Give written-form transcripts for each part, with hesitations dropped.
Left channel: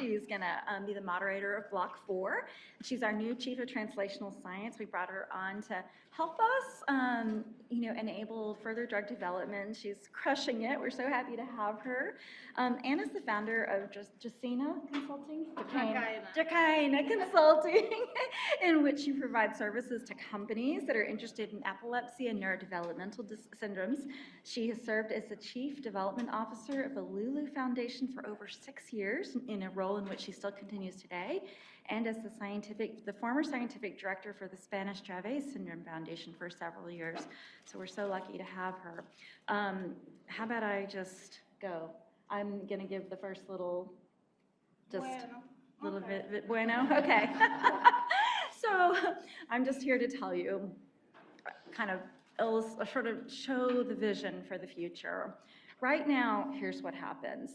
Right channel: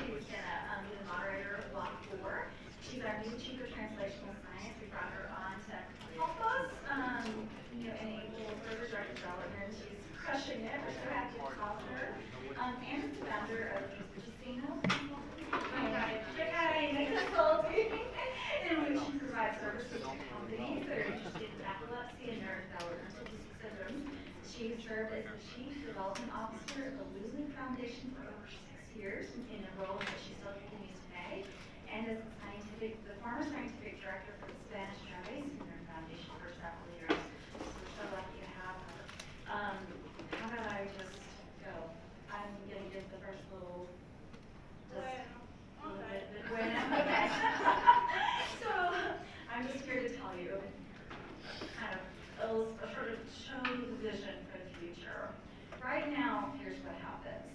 She's going to be the moderator of Block 4. She's our new Chief of Translational Science. We brought her on to help us, enable further drug development. She's crushing it. We're so happy to have her. Anna's the founder of Justina Consulting, Jakaina Consulting, in which she provides services to companies that are interested in epilepsy and neurodevelopmental syndromes. She has served as the Chief Development Officer of the Lulu Foundation for over 6 years, in a role in which she still continues today, and as the former scientific director for the Spanish Dravet Syndrome Foundation for several years. So we're so lucky to have her. How about I just go? I'm going to give the first little bit bueno. Okay. So I'm just here to tell you, kind of sort of show the vision for the future. Right now, here's what happens.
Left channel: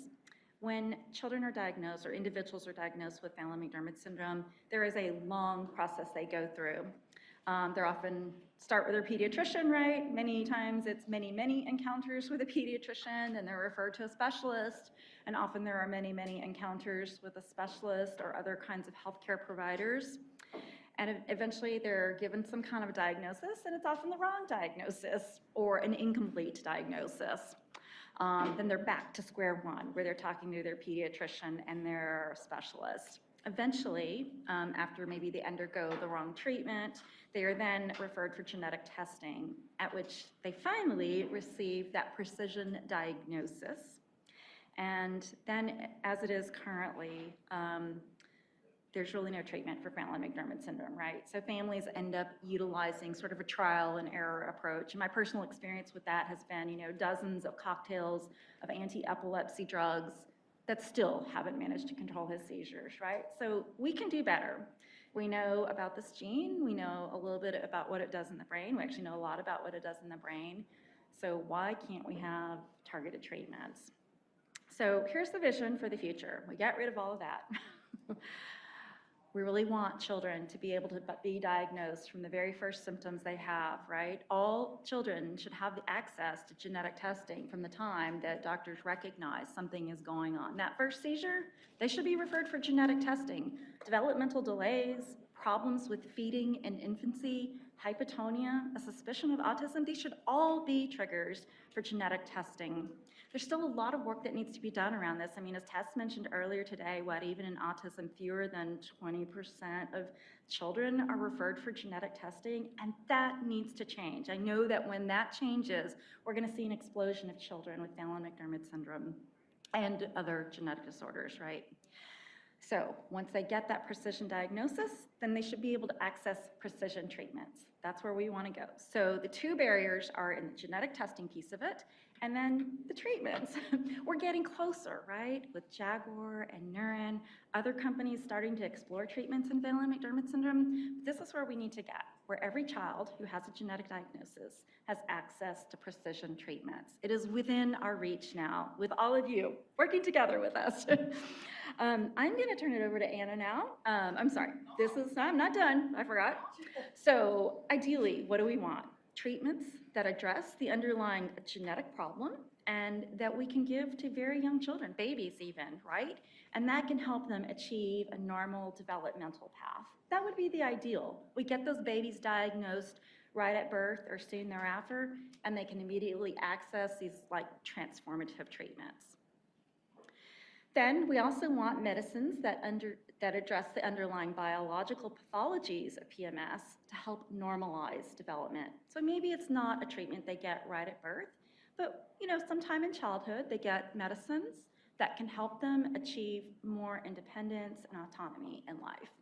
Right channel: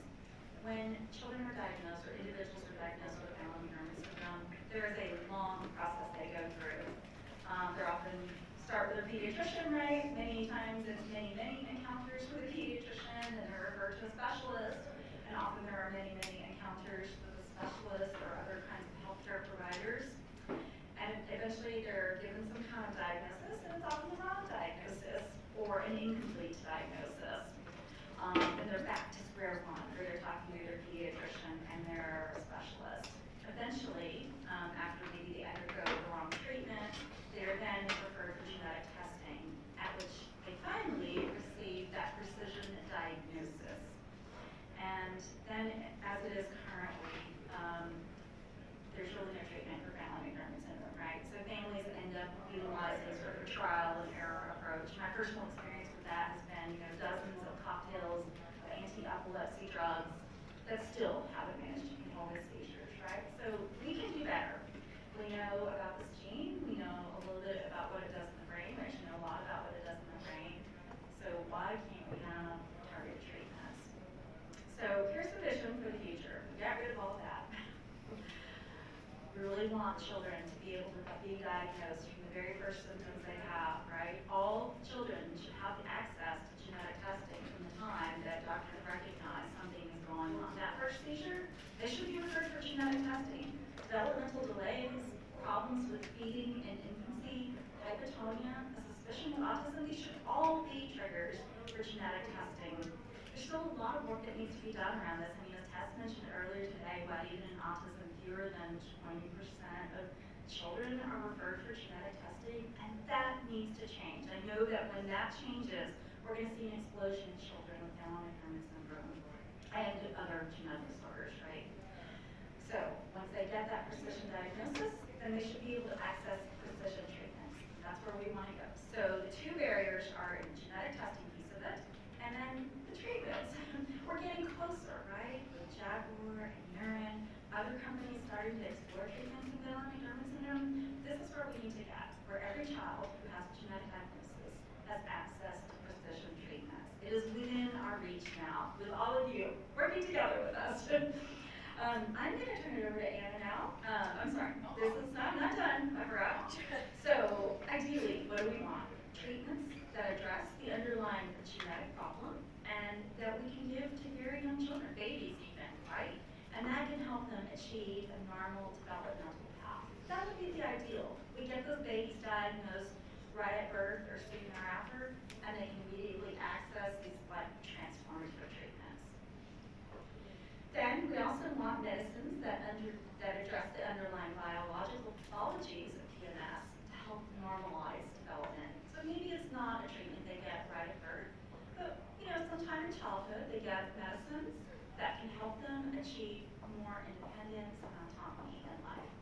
When children are diagnosed or individuals are diagnosed with Phelan-McDermid syndrome, there is a long process they go through. They're often start with their pediatrician, right? Many times it's many encounters with a pediatrician, and they're referred to a specialist, and often there are many encounters with a specialist or other kinds of healthcare providers. And eventually they're given some kind of diagnosis, and it's often the wrong diagnosis or an incomplete diagnosis. Then they're back to square one, where they're talking to their pediatrician and their specialist. Eventually, after maybe they undergo the wrong treatment, they are then referred for genetic testing, at which they finally receive that precision diagnosis. And then, as it is currently, there's really no treatment for Phelan-McDermid syndrome, right? So families end up utilizing sort of a trial and error approach. My personal experience with that has been, dozens of cocktails of anti-epilepsy drugs that still haven't managed to control his seizures, right? So we can do better. We know about this gene. We know a little bit about what it does in the brain. We actually know a lot about what it does in the brain. So why can't we have targeted treatments? So here's the vision for the future. We got rid of all of that. We really want children to be able to be diagnosed from the very first symptoms they have, right? All children should have the access to genetic testing from the time that doctors recognize something is going on. That first seizure, they should be referred for genetic testing. Developmental delays, problems with feeding and infancy, hypotonia, a suspicion of autism, these should all be triggers for genetic testing. There's still a lot of work that needs to be done around this. I mean, as Tess mentioned earlier today, even in autism, fewer than 20% of children are referred for genetic testing, and that needs to change. I know that when that changes, we're going to see an explosion of children with Phelan-McDermid syndrome and other genetic disorders, right? So once they get that precision diagnosis, then they should be able to access precision treatments. That's where we want to go. So the two barriers are in the genetic testing piece of it, and then the treatments. We're getting closer, right? With Jaguar and Neuron, other companies starting to explore treatments in Phelan-McDermid syndrome. This is where we need to get, where every child who has a genetic diagnosis has access to precision treatments. It is within our reach now, with all of you working together with us. I'm going to turn it over to Anna now. I'm sorry, I'm not done, I forgot. So ideally, what do we want? Treatments that address the underlying genetic problem and that we can give to very young children, babies even, right? And that can help them achieve a normal developmental path. That would be the ideal. We get those babies diagnosed right at birth or soon thereafter, and they can immediately access these transformative treatments. Then we also want medicines that address the underlying biological pathologies of PMS to help normalize development. So maybe it's not a treatment they get right at birth, but sometime in childhood they get medicines that can help them achieve more independence and autonomy in life.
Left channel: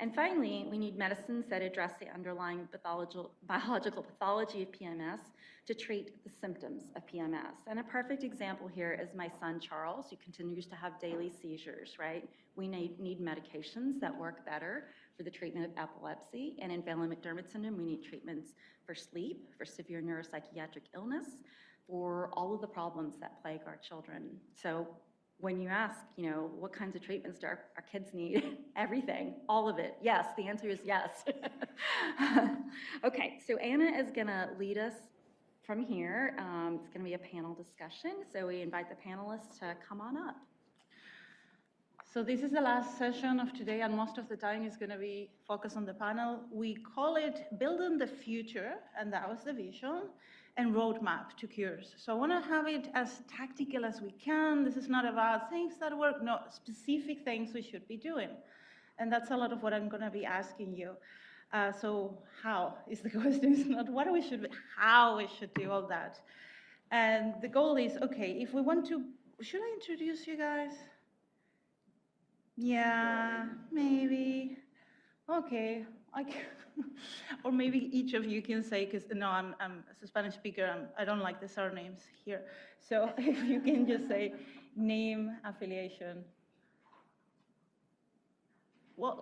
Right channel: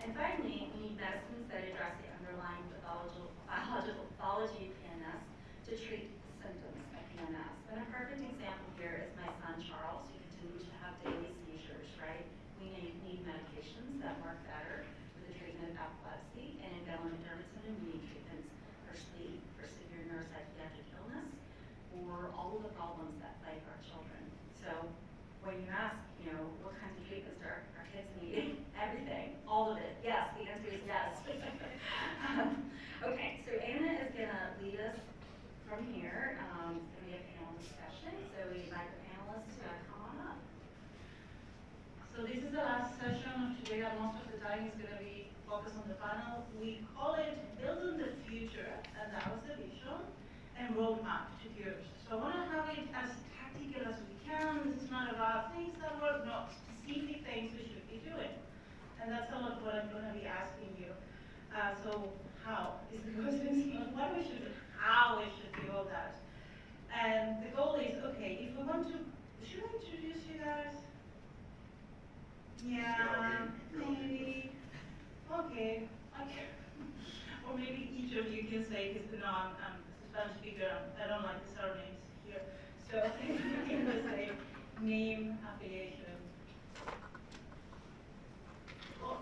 And finally, we need medicines that address the underlying biological pathology of PMS to treat the symptoms of PMS. And a perfect example here is my son Charles, who continues to have daily seizures, right? We need medications that work better for the treatment of epilepsy, and in Phelan-McDermid syndrome, we need treatments for sleep, for severe neuropsychiatric illness, or all of the problems that plague our children. So when you ask, what kinds of treatments do our kids need? Everything, all of it. Yes, the answer is yes. Okay, so Anna is gonna lead us from here. It's gonna be a panel discussion, so we invite the panelists to come on up. So this is the last session of today, and most of the time is going to be focused on the panel. We call it Building the Future, and that was the vision, and Roadmap to Cures. So I want to have it as tactical as we can. This is not about things that work, no, specific things we should be doing. And that's a lot of what I'm going to be asking you. So how is the question? It's not what we should, how we should do all that. And the goal is, okay, if we want to, should I introduce you guys? Yeah, maybe. Okay. Or maybe each of you can say, because no, I'm a Spanish speaker and I don't like the surnames here. So if you can just say name, affiliation. What?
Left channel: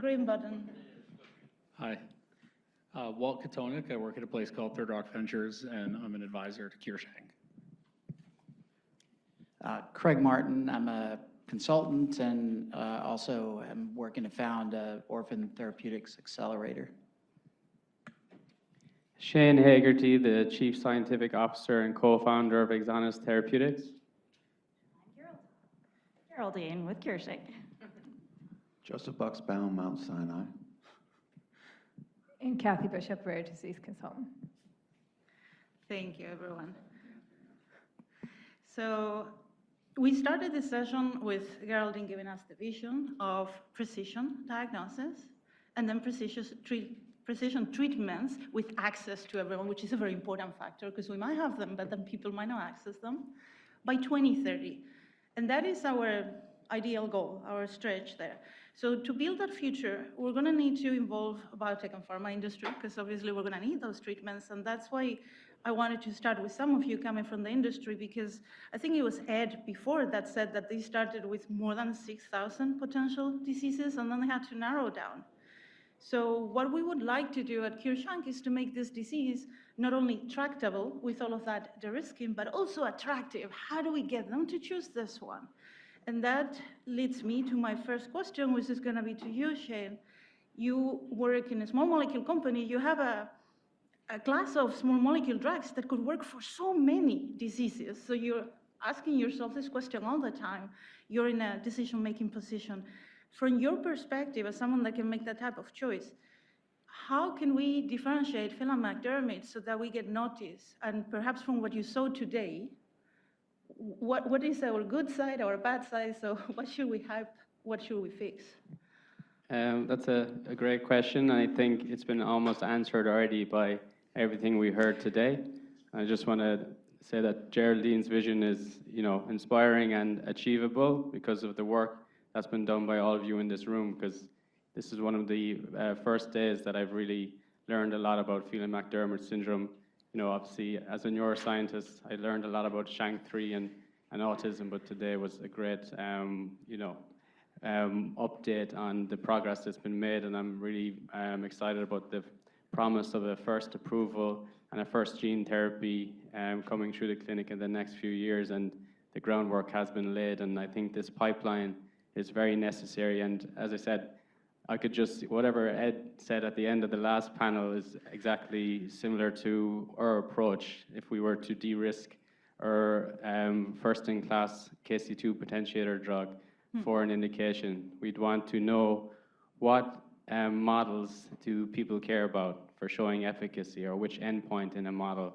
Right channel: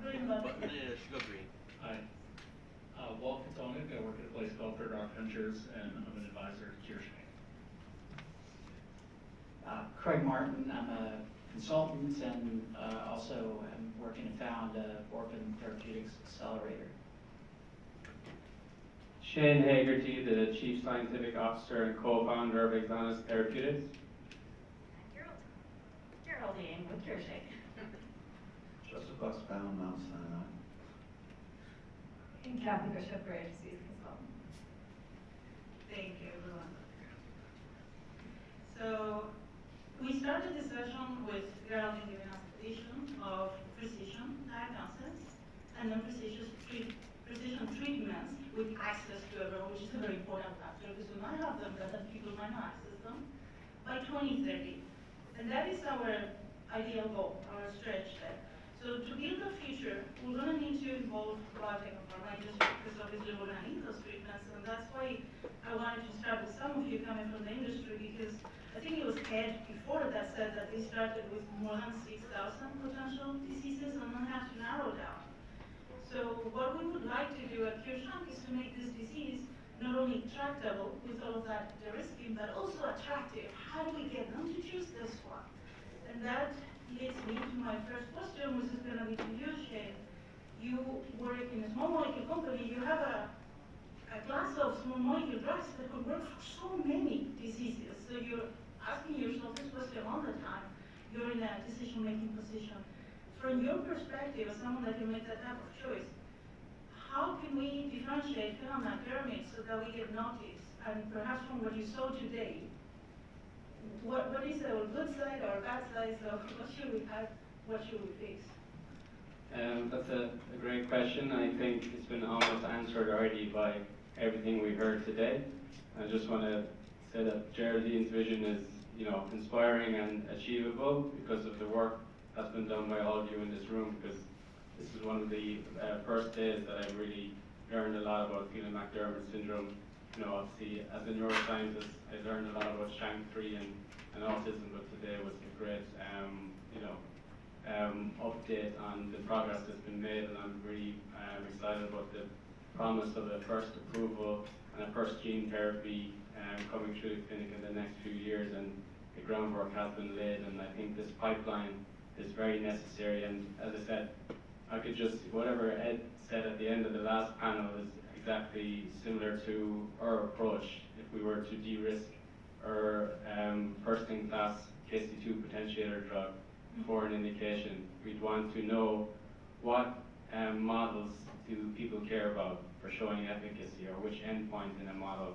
Green button. Hi. Walt Kowtoniuk. I work at a place called Third Rock Ventures, and I'm an advisor to CureSHANK. Craig Martin. I'm a consultant and also am working to found Orphan Therapeutics Accelerator. Shane Hegarty, the Chief Scientific Officer and co-founder of Exonis Therapeutics. Geraldine with CureSHANK. Joseph Buxbaum, Mount Sinai. And Kathie Bishop, Rare Disease Consultant. Thank you, everyone. So we started this session with Geraldine giving us the vision of precision diagnosis and then precision treatments with access to everyone, which is a very important factor because we might have them, but then people might not access them, by 2030. And that is our ideal goal, our stretch there. So to build that future, we're going to need to involve biotech and pharma industry because obviously we're going to need those treatments, and that's why I wanted to start with some of you coming from the industry, because I think it was Ed before that said that they started with more than 6,000 potential diseases and then they had to narrow down. So what we would like to do at CureSHANK is to make this disease not only tractable with all of that de-risking, but also attractive. How do we get them to choose this one? And that leads me to my first question, which is going to be to you, Shane. You work in a small molecule company. You have a class of small molecule drugs that could work for so many diseases. So you're asking yourself this question all the time. You're in a decision-making position. From your perspective, as someone that can make that type of choice, how can we differentiate Phelan-McDermid so that we get noticed? And perhaps from what you saw today, what is our good side, our bad side? So what should we have? What should we fix? That's a great question. I think it's been almost answered already by everything we heard today. I just want to say that Geraldine's vision is, inspiring and achievable because of the work that's been done by all of you in this room, because this is one of the first days that I've really learned a lot about Phelan-McDermid syndrome. Obviously, as a neuroscientist, I learned a lot about SHANK3 and autism, but today was a great, update on the progress that's been made, and I'm really excited about the promise of a first approval and a first gene therapy coming through the clinic in the next few years, and the groundwork has been laid, and I think this pipeline is very necessary. And as I said, I could just, whatever Ed said at the end of the last panel is exactly similar to our approach. If we were to de-risk our first-in-class KC2 potentiator drug for an indication, we'd want to know what models do people care about for showing efficacy, or which endpoint in a model.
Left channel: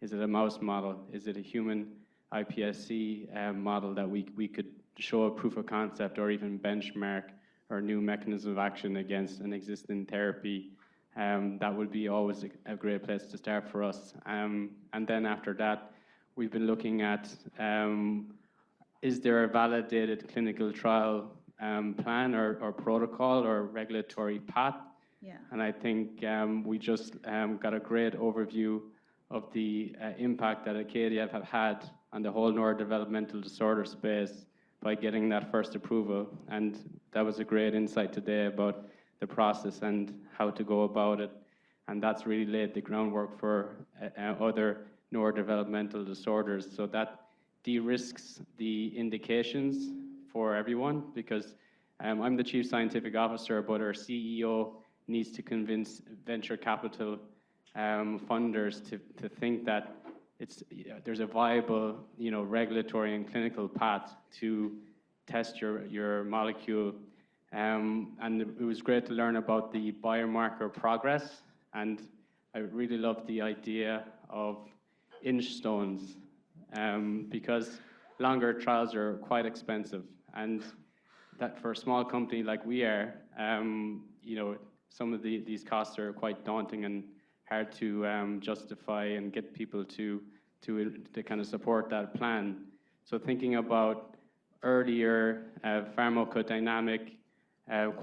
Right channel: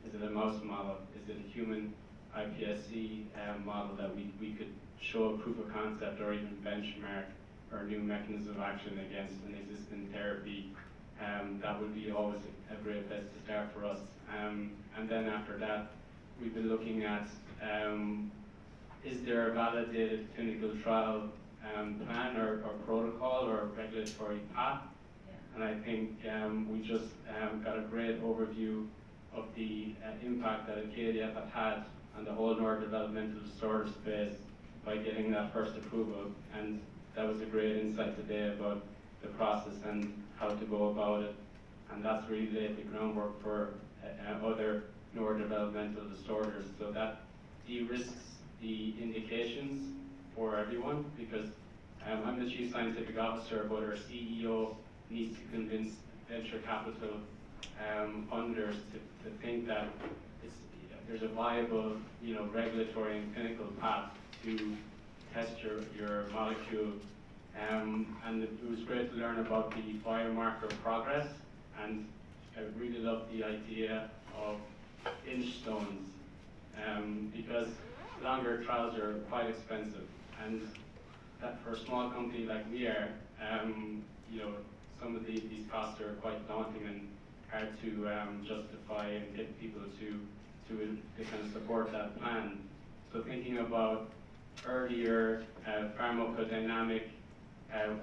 Is it a mouse model? Is it a human iPSC model that we could show a proof of concept or even benchmark or new mechanism of action against an existing therapy? That would be always a great place to start for us. And then after that, we've been looking at, is there a validated clinical trial plan or protocol or regulatory path? Yeah. And I think we just got a great overview of the impact that Acadia have had on the whole neurodevelopmental disorder space by getting that first approval. And that was a great insight today about the process and how to go about it. And that's really laid the groundwork for other neurodevelopmental disorders. So that de-risks the indications for everyone, because I'm the Chief Scientific Officer, but our CEO needs to convince venture capital funders to think that there's a viable, regulatory and clinical path to test your molecule. And it was great to learn about the biomarker progress, and I really loved the idea of inch stones, because longer trials are quite expensive, and that for a small company like we are, some of these costs are quite daunting and hard to justify and get people to kind of support that plan. So thinking about earlier pharmacodynamic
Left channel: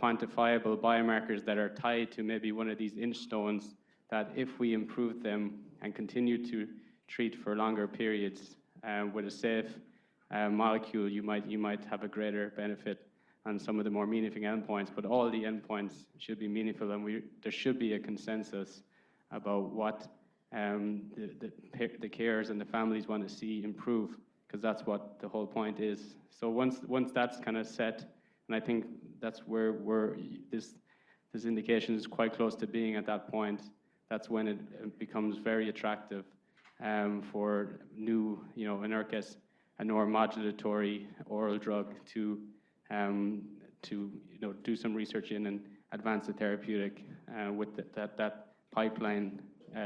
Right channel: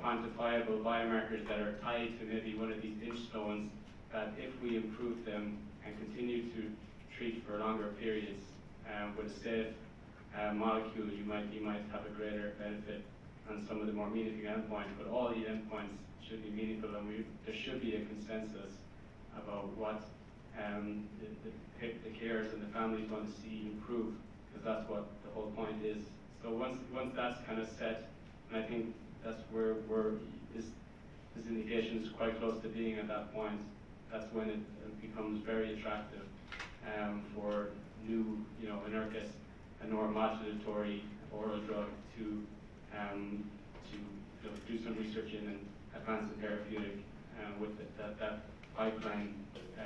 quantifiable biomarkers that are tied to maybe one of these inch stones, that if we improve them and continue to treat for longer periods with a safe molecule, you might have a greater benefit on some of the more meaningful endpoints. But all the endpoints should be meaningful, and there should be a consensus about what the carers and the families want to see improve, because that's what the whole point is. So once that's kind of set, and I think that's where this indication is quite close to being at that point, that's when it becomes very attractive for new, in our case, a neuromodulatory oral drug to do some research in and advance the therapeutic with that pipeline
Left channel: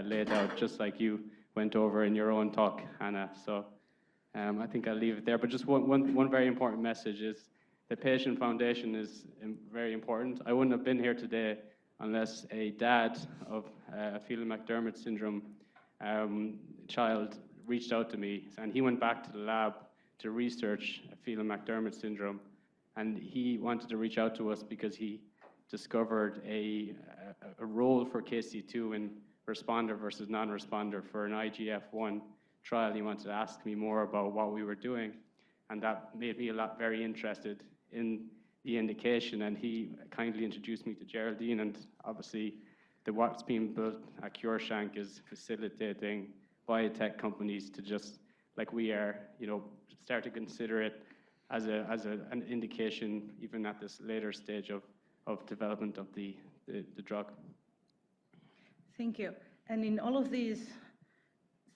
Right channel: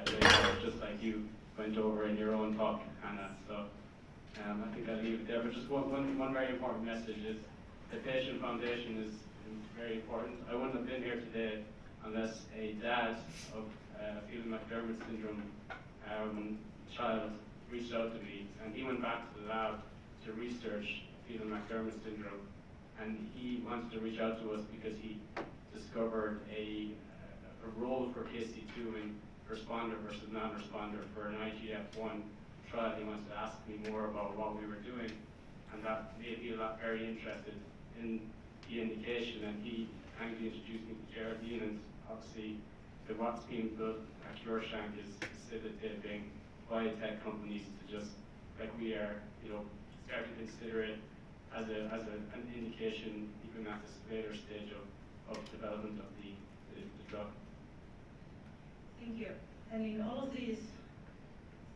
laid out, just like you went over in your own talk, Hannah. So I think I'll leave it there. But just one very important message is the patient foundation is very important. I wouldn't have been here today unless a dad of a Phelan-McDermid syndrome child reached out to me, and he went back to the lab to research Phelan-McDermid syndrome, and he wanted to reach out to us because he discovered a role for KC2 in responder versus non-responder for an IGF-1 trial. He wanted to ask me more about what we were doing, and that made me very interested in the indication, and he kindly introduced me to Geraldine, and obviously what's being built at CureSHANK is facilitating biotech companies to just, like we are, start to consider it as an indication even at this later stage of development of the drug. Thank you. And in all of these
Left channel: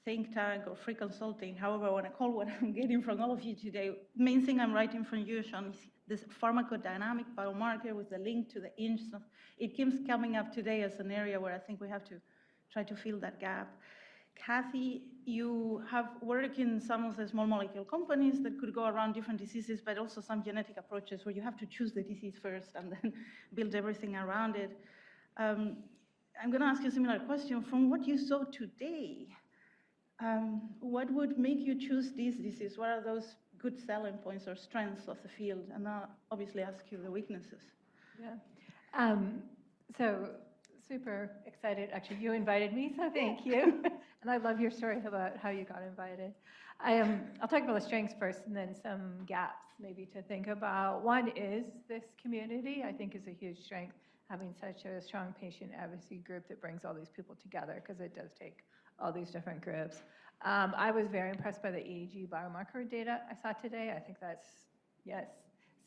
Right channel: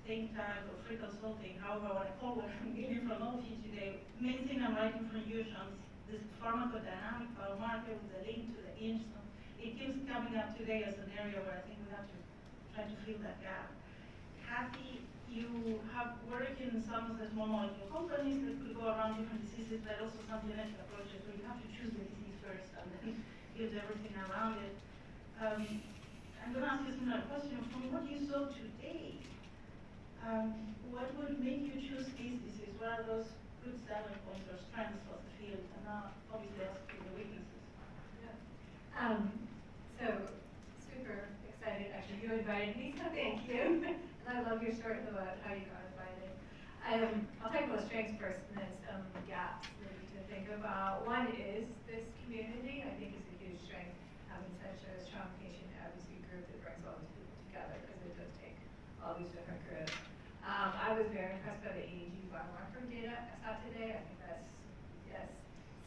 think tank or free consulting, however I want to call what I'm getting from all of you today, main thing I'm writing from you, Sean, is this pharmacodynamic biomarker with the link to the inch. It keeps coming up today as an area where I think we have to try to fill that gap. Kathie, you have worked in some of the small molecule companies that could go around different diseases, but also some genetic approaches where you have to choose the disease first and then build everything around it. I'm going to ask you a similar question. From what you saw today, what would make you choose this disease? What are those good selling points or strengths of the field? And now, obviously, ask you the weaknesses. Yeah. So, super excited. Actually, you invited me, so thank you. And I love your story about how you got invited. I'll talk about the strengths first and then some gaps maybe to think about. One is this community, I think, is a huge strength, having such a strong patient advocacy group that brings all these people together, because it does take all these different groups. I was very impressed by the EEG biomarker data I saw today. I think that's, yes,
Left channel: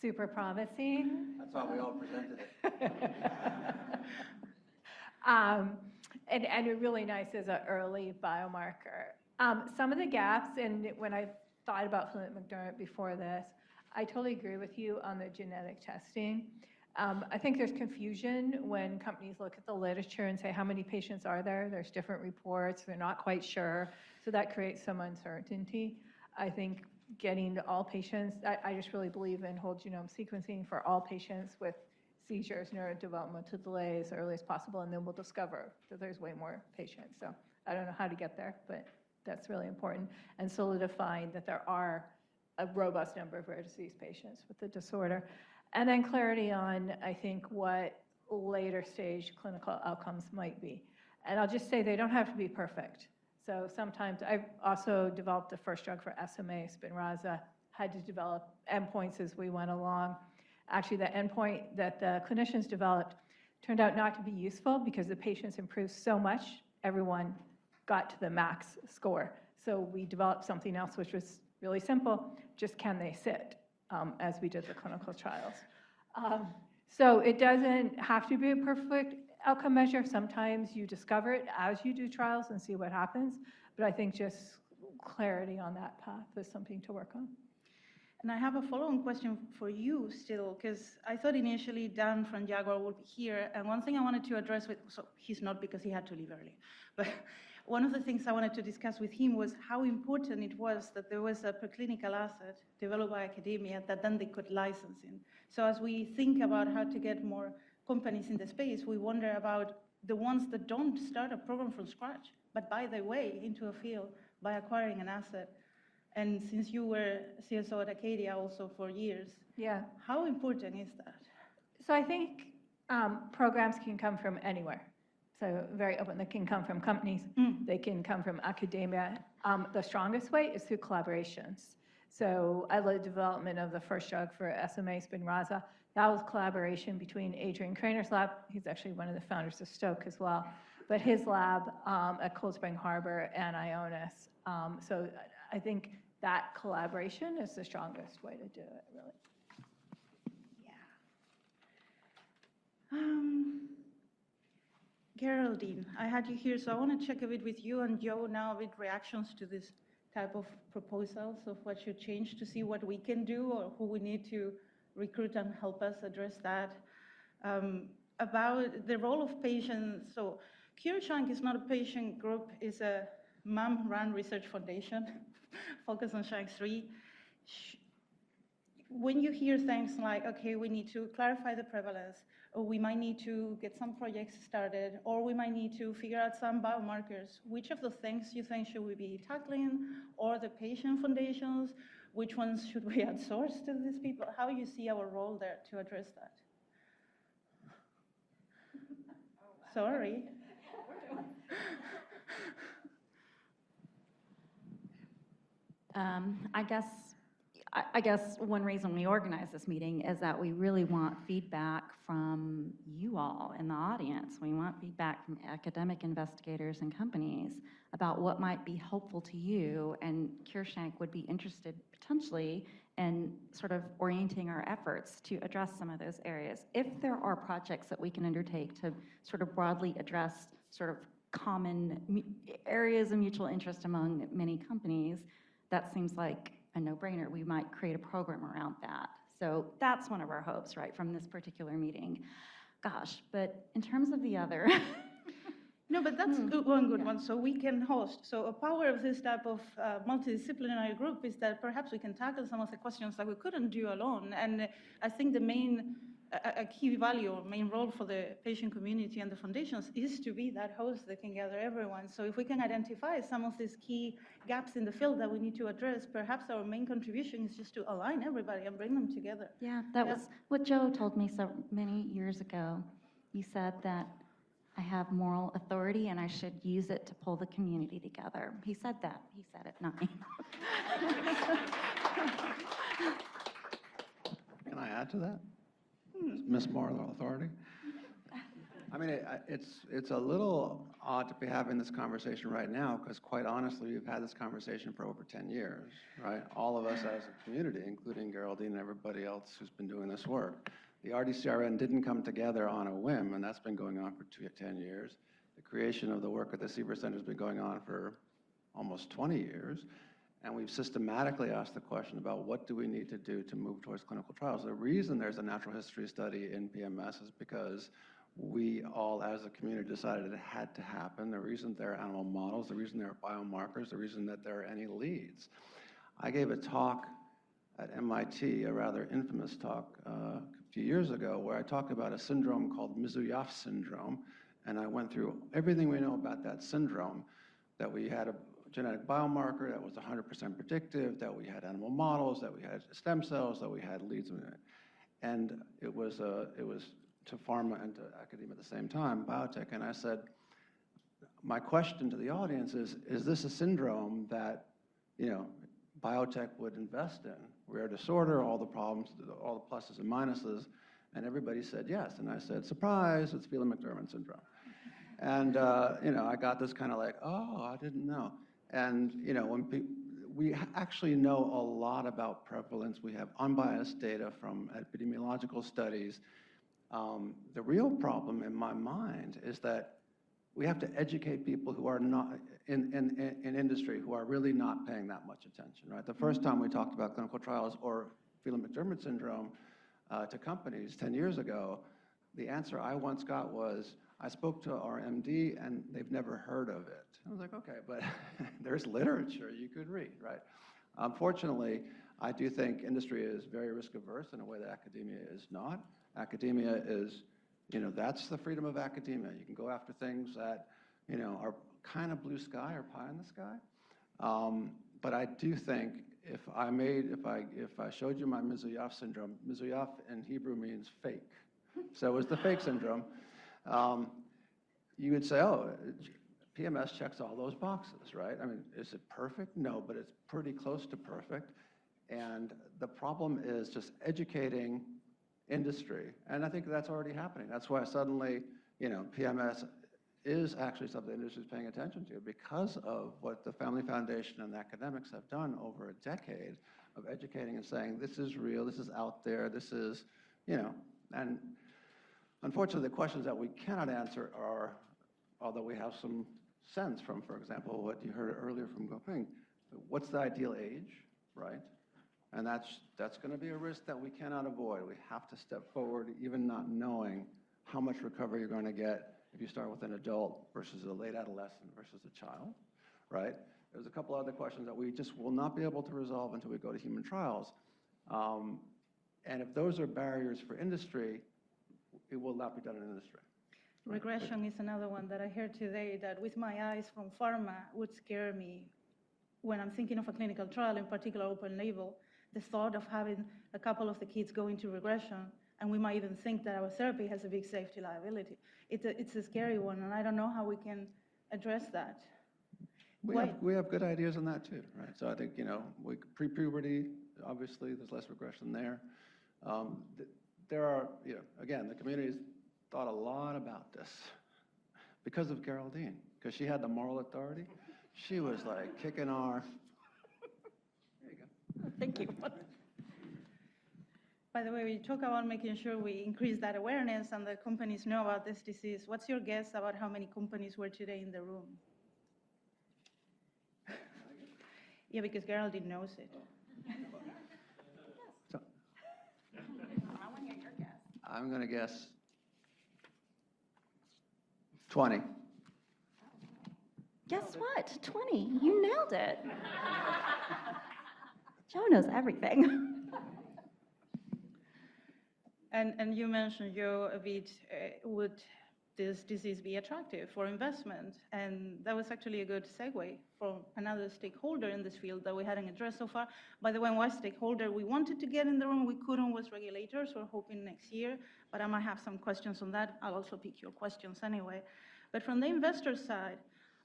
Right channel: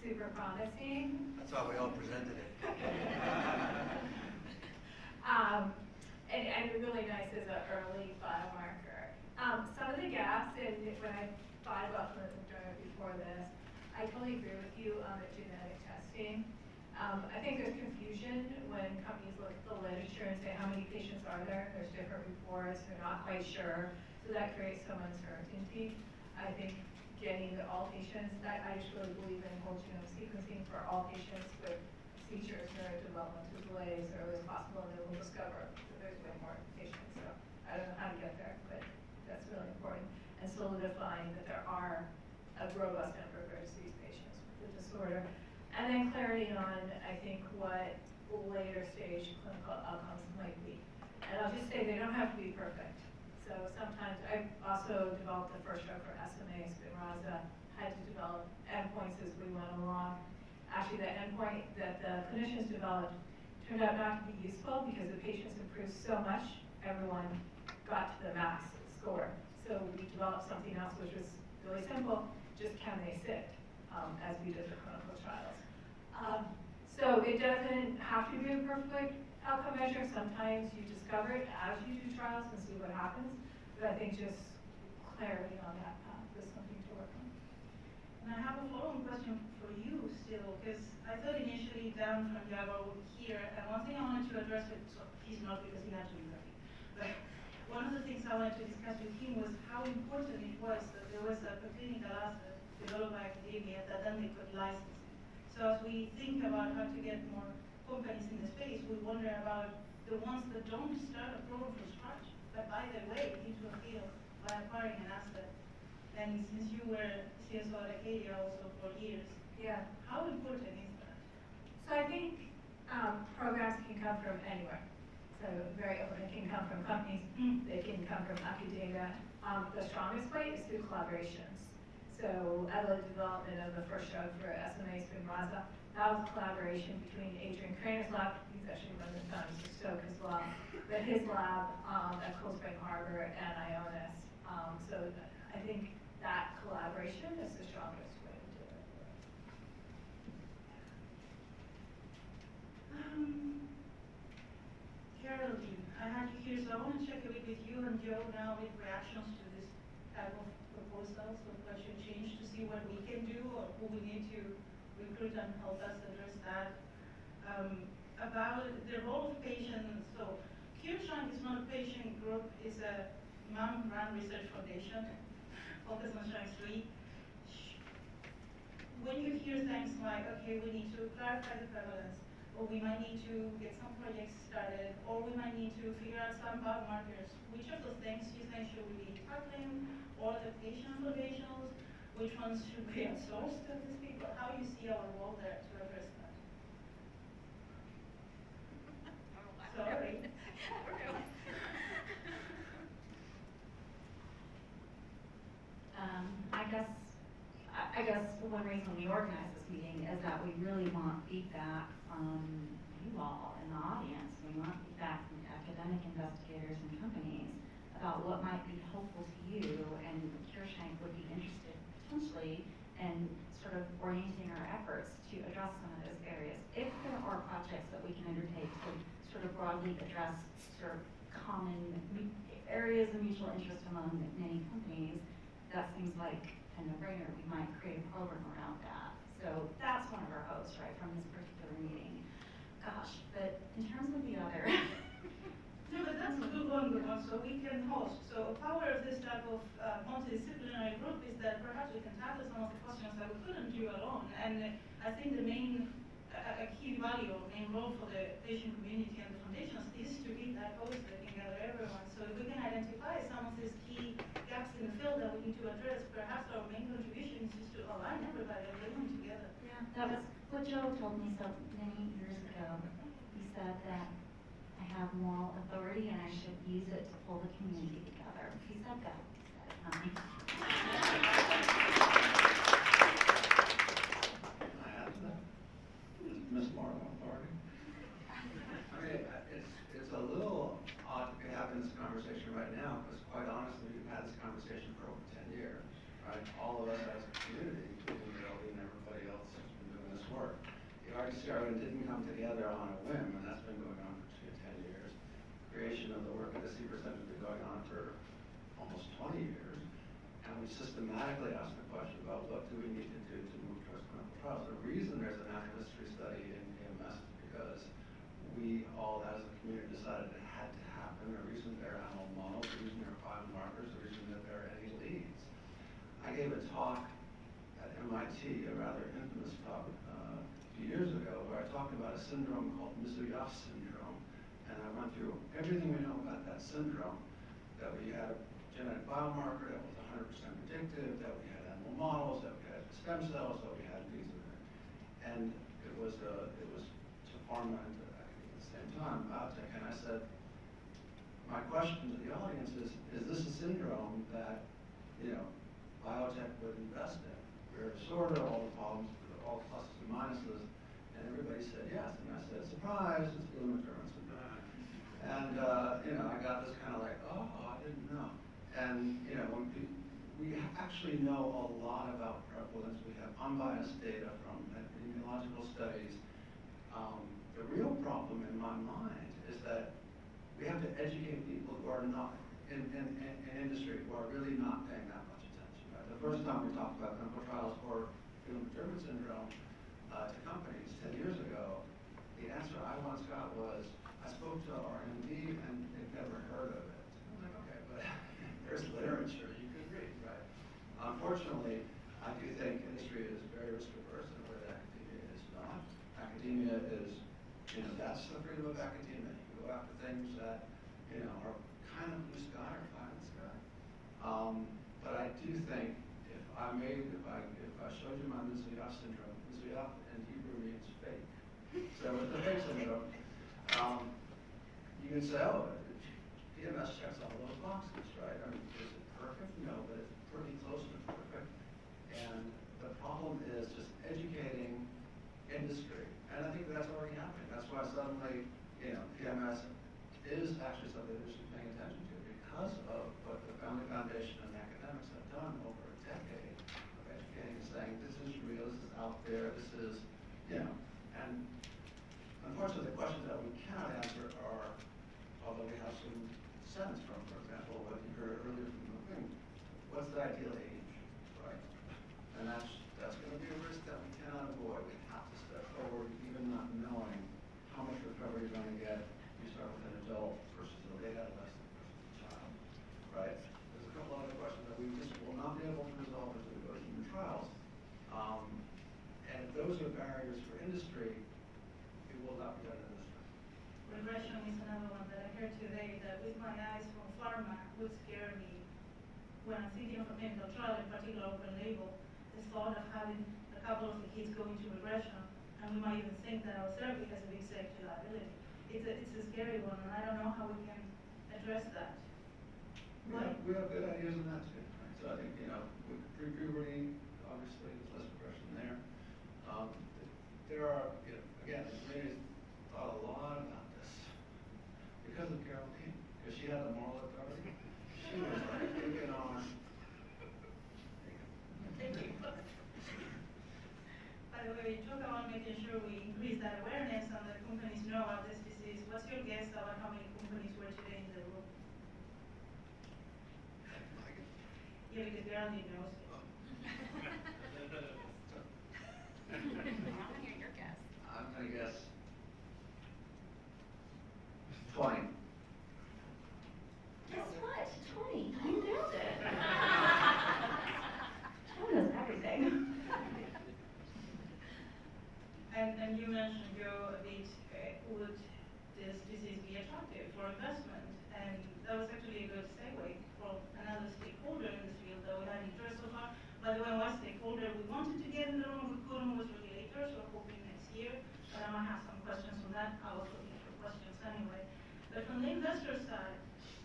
super promising. That's why we all presented it. And really nice as an early biomarker. Some of the gaps, and when I thought about Phelan-McDermid before this, I totally agree with you on the genetic testing. I think there's confusion when companies look at the literature and say, how many patients are there? There's different reports, they're not quite sure. So that creates some uncertainty. I think getting to all patients, I just really believe in whole genome sequencing for all patients with seizures, neurodevelopmental delay as early as possible, and then we'll discover that there's way more patients. So I don't know how to get there, but that's really important. And solidifying that there are a robust number of rare disease patients with the disorder. And then clarity on, I think, what later stage clinical outcomes might be. And I'll just say they don't have to be perfect. So sometimes I've also developed the first drug for SMA, Spinraza, had to develop endpoints as we went along. Actually, the endpoint that the clinicians developed turned out not to be useful because the patients improved so much, everyone got to the max score. So we developed something else which was really simple, just can they sit, as we did the clinical trials. So it doesn't have to be a perfect outcome measure. Sometimes you discover it as you do trials and see what happens. But I think just clarity on that path is something to work on. And I have a follow-on question for you still, because I thought initially Dan from Jaguar would be here, and one thing I wanted to address with, so he's not because he had to leave early, but one of the things I wanted to discuss with him was how important it was that there was a preclinical asset developed by academia that then they could license in. So as we think about how to get more companies in the space, we wonder about the ones that don't start a program from scratch, but buy their way into a field by acquiring an asset. And since you were CSO at Acadia also for years, Yeah. how important is that? So I think programs can come from anywhere. So very open, they can come from companies, they can come from academia. The strongest way is through collaborations. So I led development of the first drug for SMA Spinraza. That was collaboration between Adrian Krainer's lab, he's actually one of the founders of Stoke as well, but his lab at Cold Spring Harbor and Ionis. So I think that collaboration is the strongest way to do it, really. Geraldine, I had you here, so I want to check a bit with you and Joe now with reactions to this type of proposals of what should change to see what we can do or who we need to recruit and help us address that. About the role of patients, so CureSHANK is not a patient group, it's a MAM-run research foundation focused on SHANK3. When you hear things like, okay, we need to clarify the prevalence, or we might need to get some projects started, or we might need to figure out some biomarkers, which of the things you think should we be tackling, or the patient foundations, which ones should we outsource to these people? How you see our role there to address that? Sorry. I guess one reason we organize this meeting is that we really want feedback from you all in the audience. We want feedback from academic investigators and companies about what might be helpful to you, and CureSHANK would be interested potentially in sort of orienting our efforts to address some of those areas. If there are projects that we can undertake to sort of broadly address sort of common areas of mutual interest among many companies, that seems like a no-brainer. We might create a program around that. So that's one of our hopes, right, from this particular meeting. Gosh, but in terms of the other, No, but that's one good one. So we can host. So a power of this type of multidisciplinary group is that perhaps we can tackle some of the questions that we couldn't do alone. And I think the main, a key value or main role for the patient community and the foundations is to be that host that can gather everyone. So if we can identify some of these key gaps in the field that we need to address, perhaps our main contribution is just to align everybody and bring them together. yeah, that was what Joe told me so many years ago. He said that I have moral authority and I should use it to pull the community together. He said that. He said it, not me. Can I add to that? Miss Moral Authority? I mean, it's a little odd to be having this conversation right now, because quite honestly, we've had this conversation for over 10 years, right? All of us as a community, including Geraldine and everybody else who's been doing this work. The RDCRN didn't come together on a whim, and that's been going on for 10 years. The creation of the work at the CBER Center has been going on for almost 20 years. And we've systematically asked the question about what do we need to do to move towards clinical trials. The reason there's a natural history study in PMS is because we all, as a community, decided it had to happen. The reason there are animal models, the reason there are biomarkers, the reason that there are any leads. I gave a talk at MIT, a rather infamous talk, a few years ago, where I talked about a syndrome called Mizuyev syndrome, and I went through everything we know about that syndrome, that we had a genetic biomarker that was 100% predictive, that we had animal models, that we had stem cells, that we had leads in it. And it was to pharma and to academia at the same time, biotech, and I said, my question to the audience is this a syndrome that, you know, biotech would invest in? Rare disorder, all the problems, all the pluses and minuses, and everybody said yes. And I said, surprise, it's Phelan-McDermid syndrome. And, you know, I got this kind of like, oh, I didn't know. And, you know, when we actually know a lot about prevalence. We have unbiased data from epidemiological studies. The real problem in my mind is that we have to educate people who are not, in industry who are really not paying that much attention, right? The first time we talked about clinical trials or Phelan-McDermid syndrome to companies 10 years ago, the answer I once got was, I spoke to our MD and they've never heard of it. I was like, okay, but there's literature you could read, right? Unfortunately, I do think industry is very risk averse in a way that academia is not. Academia is, that's the freedom of academia. You can go after things that, are kind of blue sky or pie in the sky. But I do think if I showed you my Mizuyev syndrome, Mizuyev in Hebrew means fake. So it was the fake syndrome. You would say, oh, PMS checks all those boxes, right? I mean, is it perfect? No, but it's pretty close to perfect. And the problem is just educating industry. And I think that's already happening. That's why suddenly, PMS is actually something the industry is paying attention to because of what the Family Foundation and academics have done over a decade of educating and saying, this is real, this is out there, this is, and unfortunately the questions that we cannot answer are, although we have some sense from, for example, what you heard earlier from Goping, what's the ideal age, right? And that's going to be a risk that we cannot avoid. We have to step forward, even not knowing how much recovery you're going to get if you start with an adult versus a late adolescent versus a child, right? There's a couple other questions that we just will not be able to resolve until we go to human trials. And if those are barriers for industry, it will not be done in industry. Regression is another one that I heard today that with my eyes from pharma would scare me when I'm thinking of a clinical trial, in particular open label, the thought of having a couple of the kids go into regression, and we might even think that our therapy has a big safety liability. It's a scary one, and I don't know how we can address that. We have good ideas on that too, right? So I think, pre-puberty, obviously there's less regression there. There are, again, the community's thought a lot about this because of Geraldine, because she had the moral authority. She was like kicking our. Thank you. By the way, when you talk about making sure we increase that awareness and the companies know about this disease, what's your guess about how many companies were today in the room? Yeah, because Geraldine knows it. I'm going to guess 20. Guess what? 20. You nailed it. Joe knows everything. And you mentioned, Joe, a bit, would this disease be attractive for investment? And that was actually a good segue from another stakeholder in this field that we hadn't addressed so far. By the way, one stakeholder we wanted to get in the room, we couldn't, was regulators. We're hoping next year, but I might have some questions on that. I'll also pick your questions anyway. But from the investor side,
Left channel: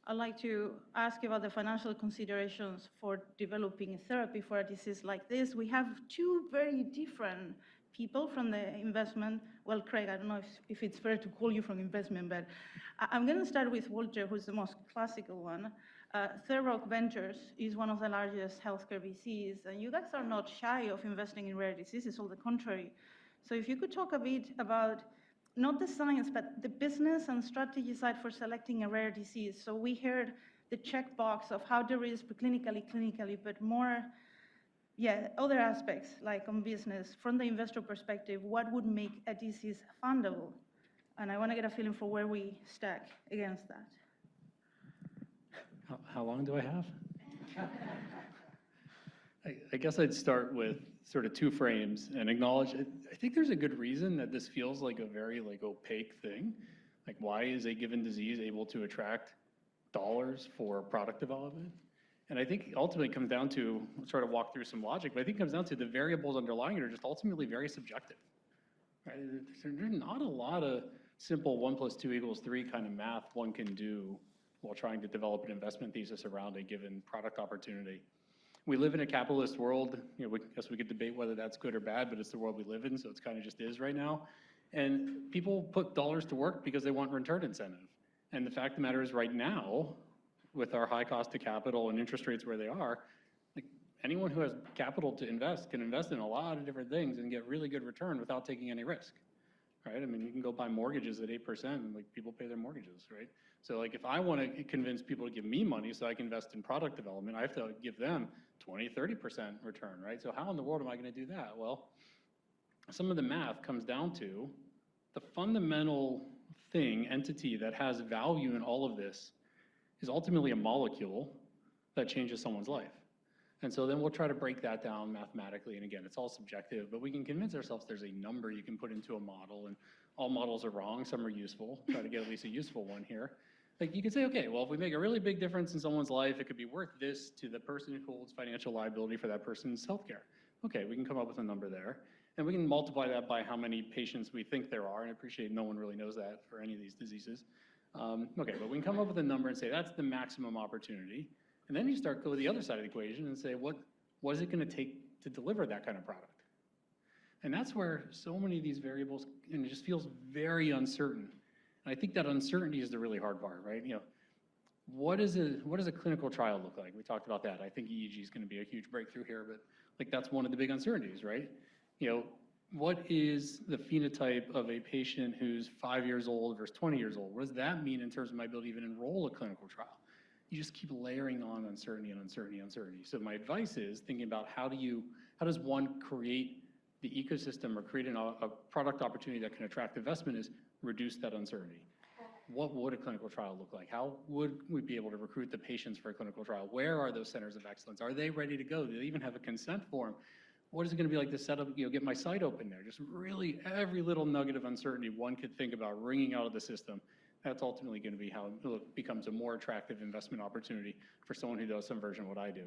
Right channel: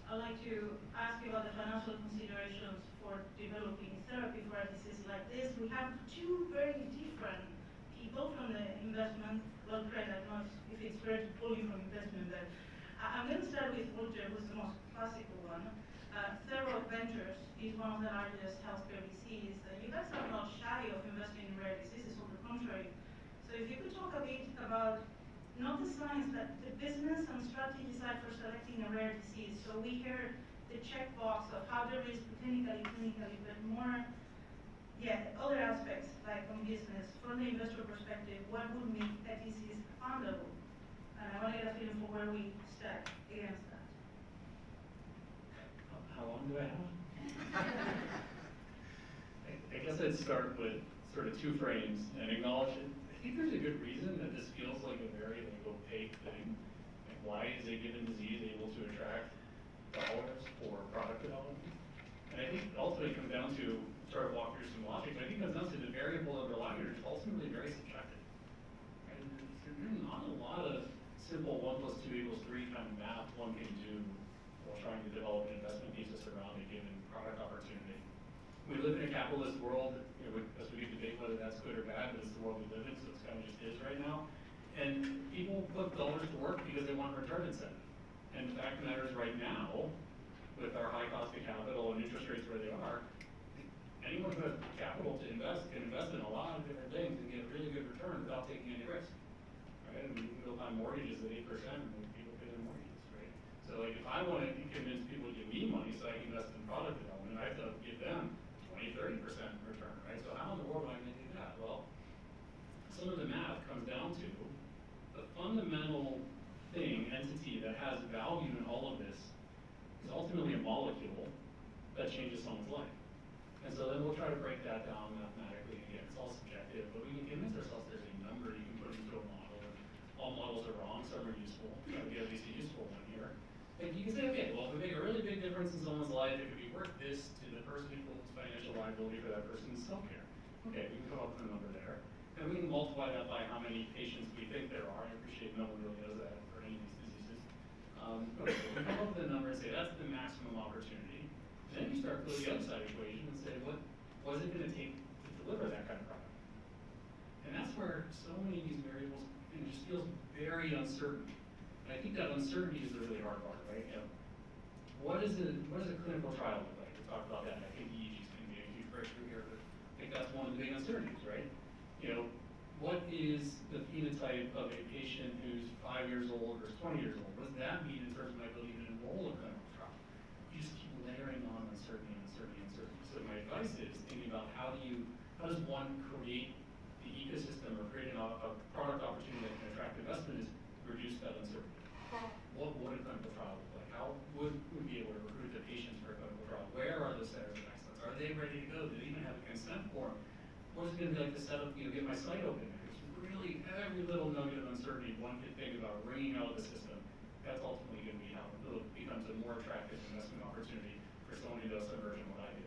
I'd like to ask you about the financial considerations for developing therapy for a disease like this. We have two very different people from the investment. Well, Craig, I don't know if it's fair to pull you from investment, but I'm going to start with Walter, who's the most classical one. Third Rock Ventures is one of the largest healthcare VCs, and you guys are not shy of investing in rare diseases, on the contrary. So if you could talk a bit about not the science, but the business and strategy side for selecting a rare disease. So we heard the checkbox of how there is clinically, but more, other aspects, like on business, from the investor perspective, what would make a disease fundable? And I want to get a feeling for where we stack against that. How long do I have? I guess I'd start with sort of two frames and acknowledge it. I think there's a good reason that this feels like a very opaque thing. Like, why is a given disease able to attract dollars for product development? And I think ultimately it comes down to, sort of walk through some logic, but I think it comes down to the variables underlying it are just ultimately very subjective. Right? There's not a lot of simple 1 + 2 = 3 kind of math one can do while trying to develop an investment thesis around a given product opportunity. We live in a capitalist world. I guess we could debate whether that's good or bad, but it's the world we live in, so it's kind of just is right now. And people put dollars to work because they want return incentive. And the fact of the matter is, right now, with our high cost of capital and interest rates where they are, anyone who has capital to invest can invest in a lot of different things and get really good return without taking any risk, right? I mean, you can go buy mortgages at 8% and people pay their mortgages, right? So like if I want to convince people to give me money so I can invest in product development, I have to give them 20, 30% return, right? So how in the world am I going to do that? Well, some of the math comes down to the fundamental entity that has value in all of this is ultimately a molecule that changes someone's life. And so then we'll try to break that down mathematically, and again, it's all subjective, but we can convince ourselves there's a number you can put into a model, and all models are wrong, some are useful, try to get at least a useful one here. Like you can say, okay, well, if we make a really big difference in someone's life, it could be worth this to the person who holds financial liability for that person's healthcare. Okay, we can come up with a number there. And we can multiply that by how many patients we think there are. I appreciate no one really knows that for any of these diseases. Okay, well, we can come up with a number and say that's the maximum opportunity. And then you start go to the other side of the equation and say, what is it going to take to deliver that kind of product? And that's where so many of these variables, and it just feels very uncertain. And I think that uncertainty is the really hard part, right? You know, what does a clinical trial look like? We talked about that. I think EEG is going to be a huge breakthrough here, but I think that's one of the big uncertainties, right? You know, what is the phenotype of a patient who's 5 years old versus 20 years old? What does that mean in terms of my ability to even enroll a clinical trial? You just keep layering on uncertainty and uncertainty and uncertainty. So my advice is thinking about how does one create the ecosystem or create a product opportunity that can attract investment is reduce that uncertainty. What would a clinical trial look like? How would we be able to recruit the patients for a clinical trial? Where are those centers of excellence? Are they ready to go? Do they even have a consent form? What is it going to be like to set up, get my site open there? Just really every little nugget of uncertainty one could think about wringing out of the system. That's ultimately going to be how it becomes a more attractive investment opportunity for someone who does some version of what I do.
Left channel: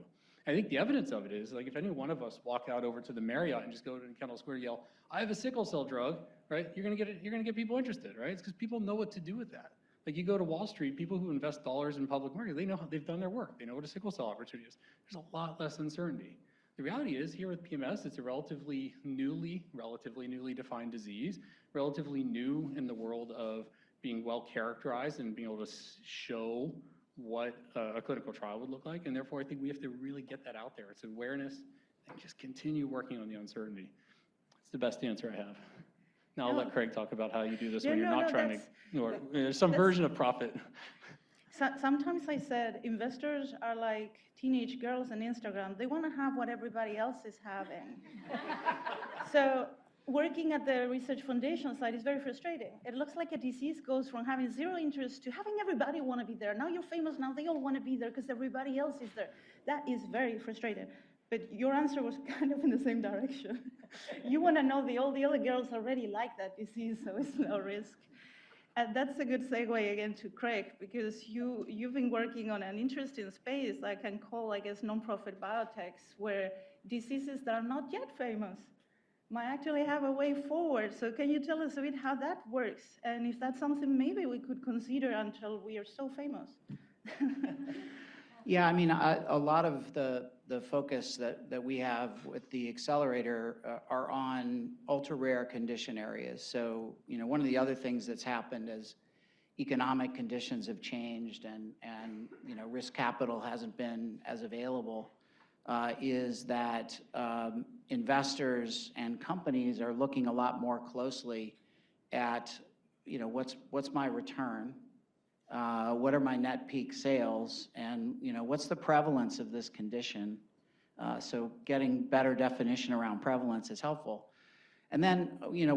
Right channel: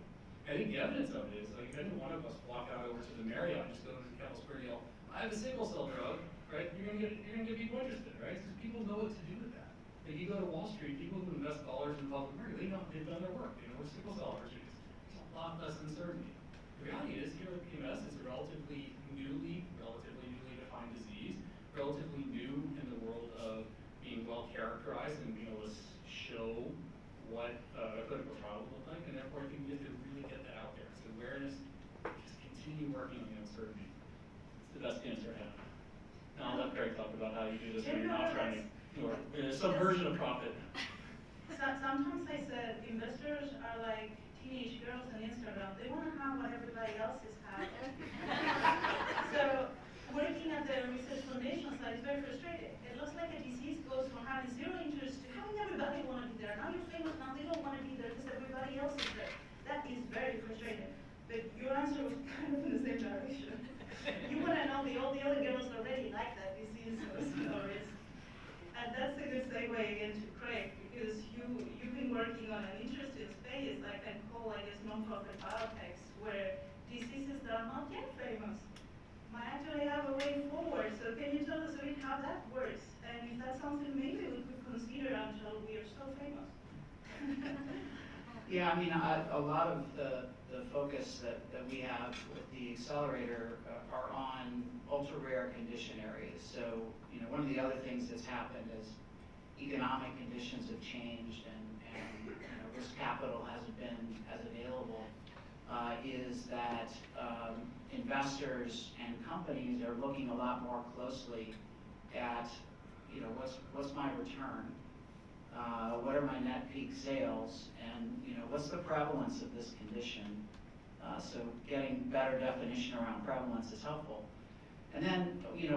I think the evidence of it is, like, if any one of us walk out over to the Marriott and just go to Kendall Square and yell, "I have a sickle cell drug," right? You're going to get people interested, right? It's because people know what to do with that. Like you go to Wall Street, people who invest dollars in public markets, they know they've done their work. They know what a sickle cell opportunity is. There's a lot less uncertainty. The reality is, here with PMS, it's a relatively newly defined disease, relatively new in the world of being well characterized and being able to show what a clinical trial would look like, and therefore I think we have to really get that out there. It's awareness, just continue working on the uncertainty. It's the best answer I have. Now I'll let Craig talk about how you do this when you're not trying to, or there's some version of profit. Sometimes I said investors are like teenage girls on Instagram. They want to have what everybody else is having. So working at the research foundation side is very frustrating. It looks like a disease goes from having zero interest to having everybody want to be there. Now you're famous, now they all want to be there because everybody else is there. That is very frustrating. But your answer was kind of in the same direction. You want to know all the other girls already like that disease, so it's no risk. And that's a good segue again to Craig, because you've been working on an interesting space I can call, I guess, nonprofit biotechs, where diseases that are not yet famous might actually have a way forward. So can you tell us a bit how that works? And if that's something maybe we could consider until we are so famous? Yeah, I mean, a lot of the focus that we have with the accelerator are on ultra-rare condition areas. So, one of the other things that's happened is economic conditions have changed and risk capital hasn't been as available, is that investors and companies are looking a lot more closely at, what's my return? What are my net peak sales, and what's the prevalence of this condition? So getting better definition around prevalence is helpful. And then,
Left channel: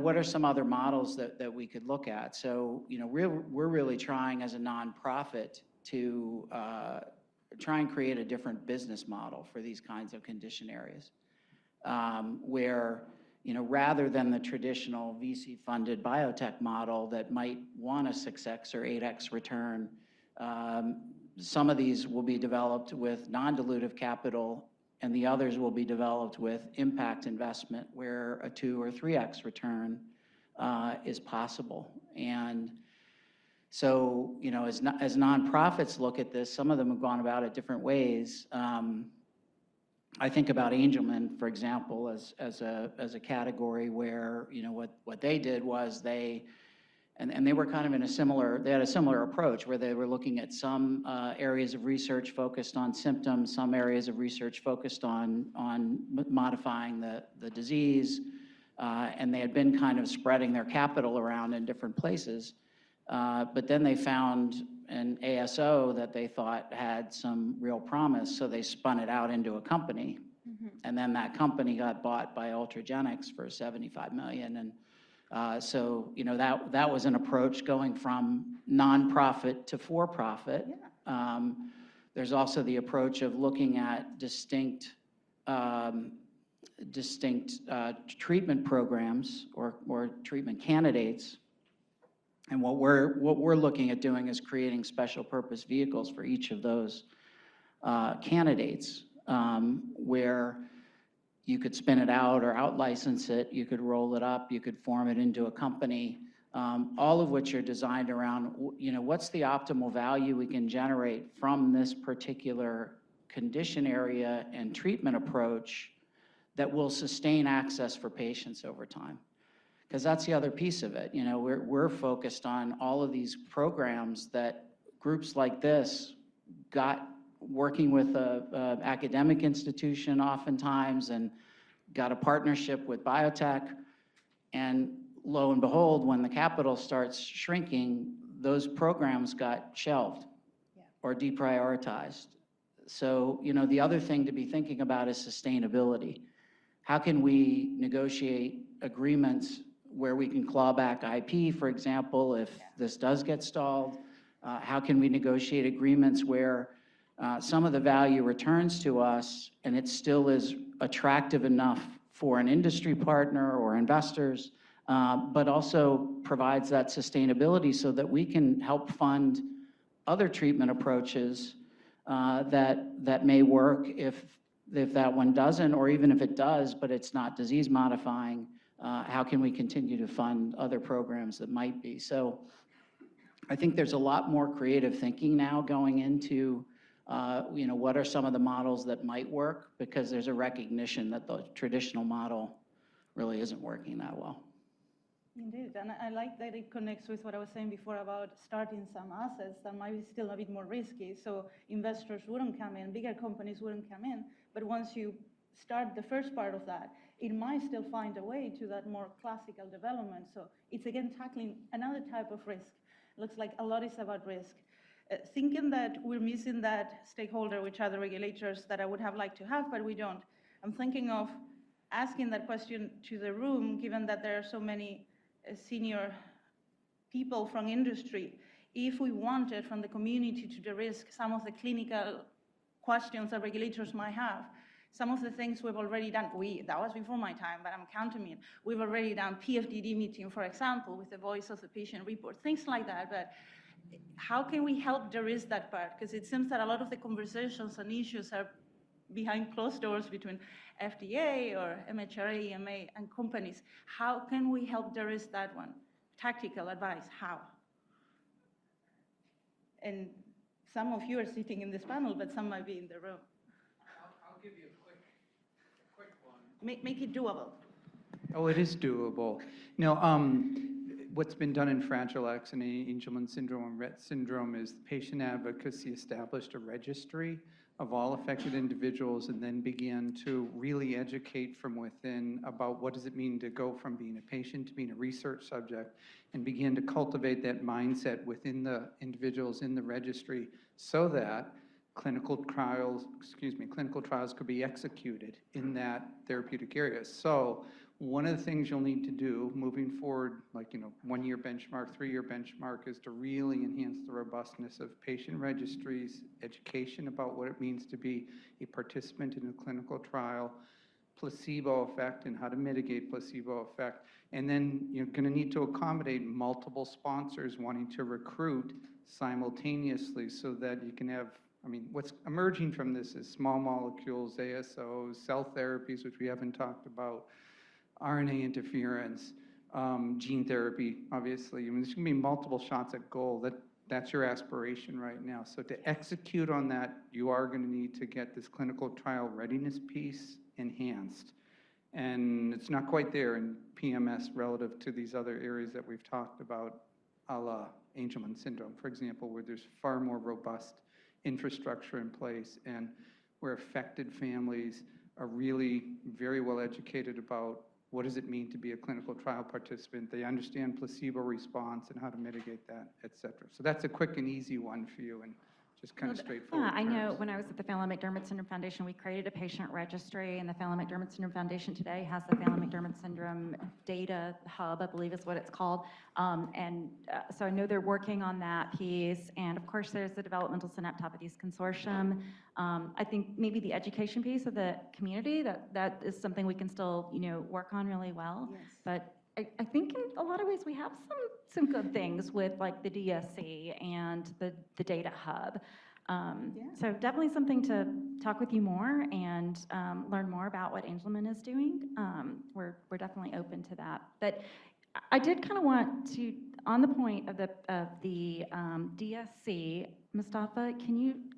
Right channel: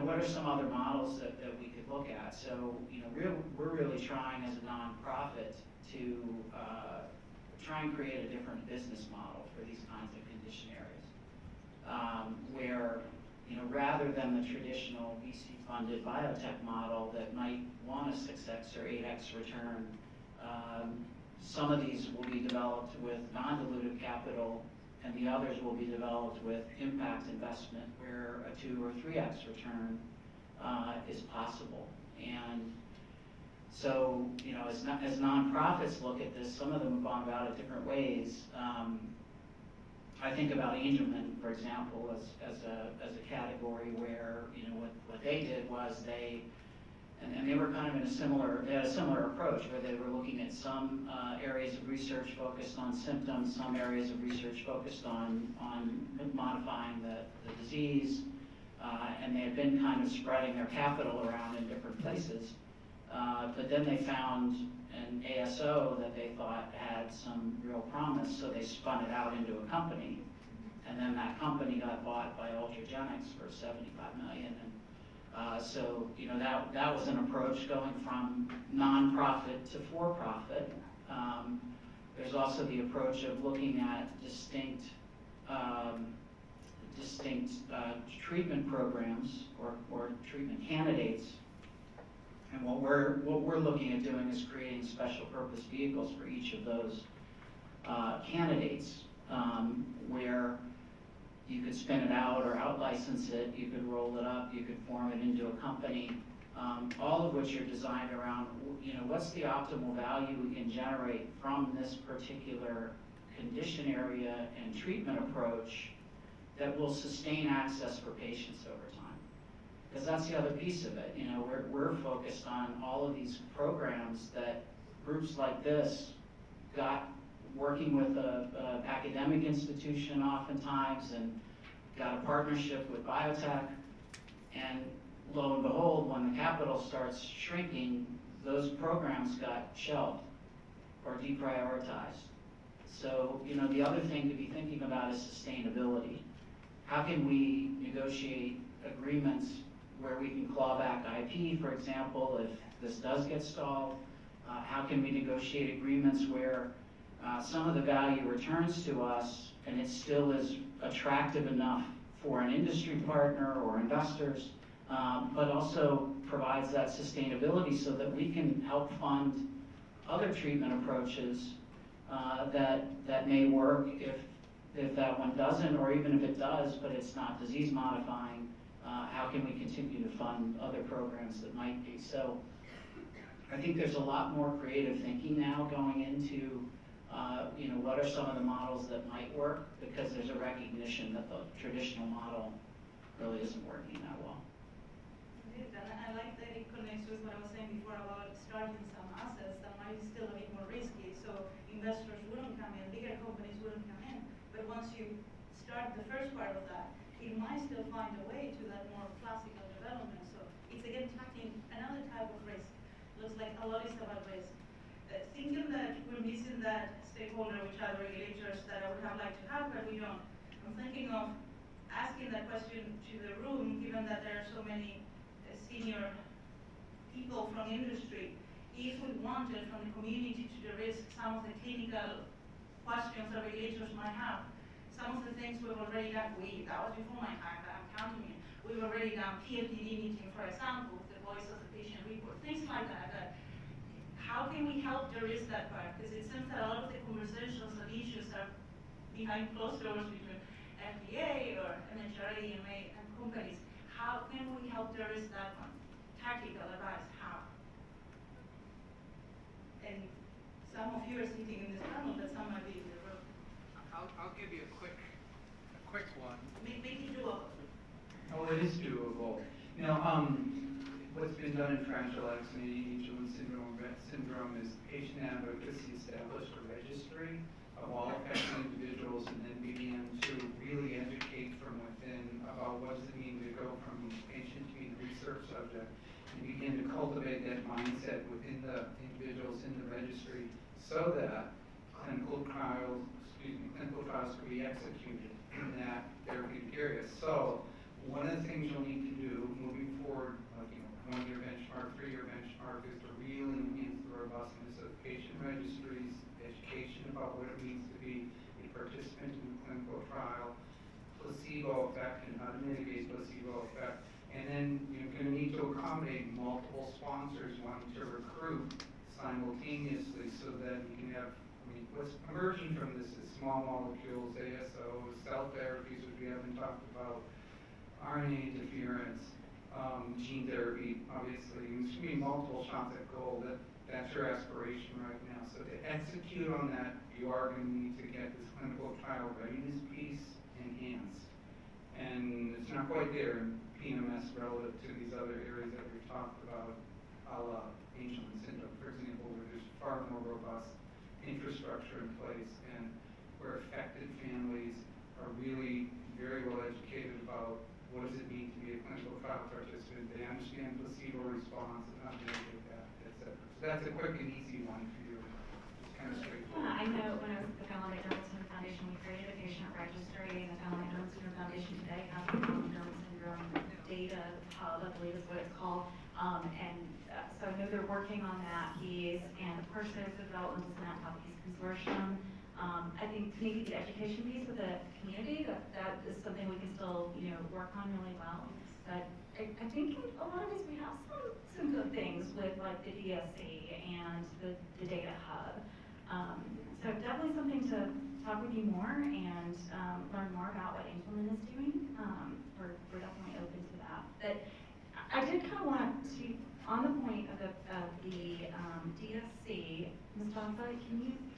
what are some other models that we could look at? So, we're really trying as a nonprofit to try and create a different business model for these kinds of condition areas, where rather than the traditional VC-funded biotech model that might want a 6x or 8x return, some of these will be developed with non-dilutive capital, and the others will be developed with impact investment, where a 2 or 3x return is possible. And so, as nonprofits look at this, some of them have gone about it different ways. I think about Angelman, for example, as a category where what they did was they were kind of in they had a similar approach where they were looking at some areas of research focused on symptoms, some areas of research focused on modifying the disease, and they had been kind of spreading their capital around in different places. But then they found an ASO that they thought had some real promise, so they spun it out into a company. And then that company got bought by Ultragenics for $75 million. And so, you know, that was an approach going from nonprofit to for-profit. There's also the approach of looking at distinct treatment programs or treatment candidates. And what we're looking at doing is creating special purpose vehicles for each of those candidates, where you could spin it out or out-license it, you could roll it up, you could form it into a company, all of which are designed around, you know, what's the optimal value we can generate from this particular condition area and treatment approach that will sustain access for patients over time. Because that's the other piece of it. You know, we're focused on all of these programs that groups like this got working with an academic institution oftentimes and got a partnership with biotech, and lo and behold, when the capital starts shrinking, those programs got shelved or deprioritized. So, you know, the other thing to be thinking about is sustainability. How can we negotiate agreements where we can claw back IP, for example, if this does get stalled? How can we negotiate agreements where some of the value returns to us and it still is attractive enough for an industry partner or investors, but also provides that sustainability so that we can help fund other treatment approaches that may work if that one doesn't, or even if it does, but it's not disease modifying. How can we continue to fund other programs that might be? So I think there's a lot more creative thinking now going into you know, what are some of the models that might work, because there's a recognition that the traditional model really isn't working that well. Indeed, and I like that it connects with what I was saying before about starting some assets that might be still a bit more risky, so investors wouldn't come in, bigger companies wouldn't come in, but once you start the first part of that, it might still find a way to that more classical development. So it's again tackling another type of risk. Looks like a lot is about risk. Thinking that we're missing that stakeholder, which are the regulators that I would have liked to have, but we don't. I'm thinking of asking that question to the room, given that there are so many senior people from industry. If we wanted from the community to de-risk some of the clinical questions that regulators might have, some of the things we've already done, that was before my time, but I'm counting it. We've already done PFDD meeting, for example, with the voice of the patient report, things like that, how can we help de-risk that part? Because it seems that a lot of the conversations and issues are behind closed doors between FDA or MHRA, EMA, and companies. How can we help de-risk that one? Tactical advice, how? And some of you are sitting in this panel, but some might be in the room. I'll give you a quick one. Make it doable. Oh, it is doable. You know, what's been done in Fragile X and Angelman syndrome and Rett syndrome is patient advocacy established a registry of all affected individuals and then began to really educate from within about what does it mean to go from being a patient to being a research subject, and begin to cultivate that mindset within the individuals in the registry so that clinical trials could be executed in that therapeutic area. So one of the things you'll need to do moving forward, like, you know, 1-year benchmark, 3-year benchmark, is to really enhance the robustness of patient registries, education about what it means to be a participant in a clinical trial, placebo effect and how to mitigate placebo effect. And then you're going to need to accommodate multiple sponsors wanting to recruit simultaneously so that you can have, I mean, what's emerging from this is small molecules, ASOs, cell therapies, which we haven't talked about, RNA interference, gene therapy, obviously. I mean, there's going to be multiple shots at goal. That's your aspiration right now. So to execute on that, you are going to need to get this clinical trial readiness piece enhanced. And it's not quite there in PMS relative to these other areas that we've talked about, a la Angelman syndrome, for example, where there's far more robust infrastructure in place and where affected families are really very well educated about what does it mean to be a clinical trial participant? They understand placebo response and how to mitigate that, et cetera. So that's a quick and easy one for you, and just kind of straightforward. Yeah, I know when I was at the Phelan-McDermid Syndrome Foundation, we created a patient registry, and the Phelan-McDermid Syndrome Foundation today has the Phelan-McDermid Syndrome Data Hub, I believe is what it's called. So I know they're working on that piece, and of course there's the Developmental Synaptopathies Consortium. I think maybe the education piece of the community, that is something we can still, work on really well. But I think in a lot of ways we have some good things with like the DSC and the Data Hub. So definitely something to talk with you more and learn more about what Angelman is doing. We're definitely open to that. But I did kind of want to, on the point of the DSC, Mustafa,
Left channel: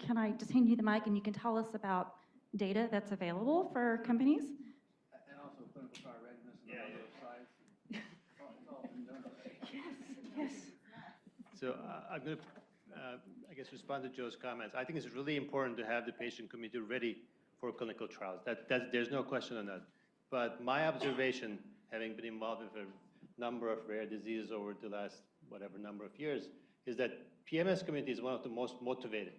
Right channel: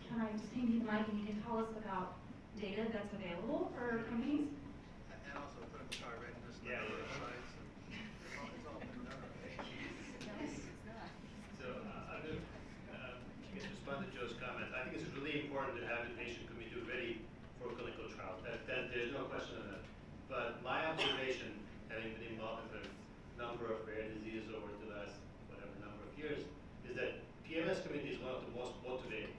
can I just hand you the mic and you can tell us about data that's available for companies? And also clinical trial readiness, the number of sites. It's all been done. Yes. So I'm going to, respond to Joe's comments. I think it's really important to have the patient community ready for clinical trials. There's no question on that. But my observation, having been involved with a number of rare diseases over the last whatever number of years, is that PMS community is one of the most motivated.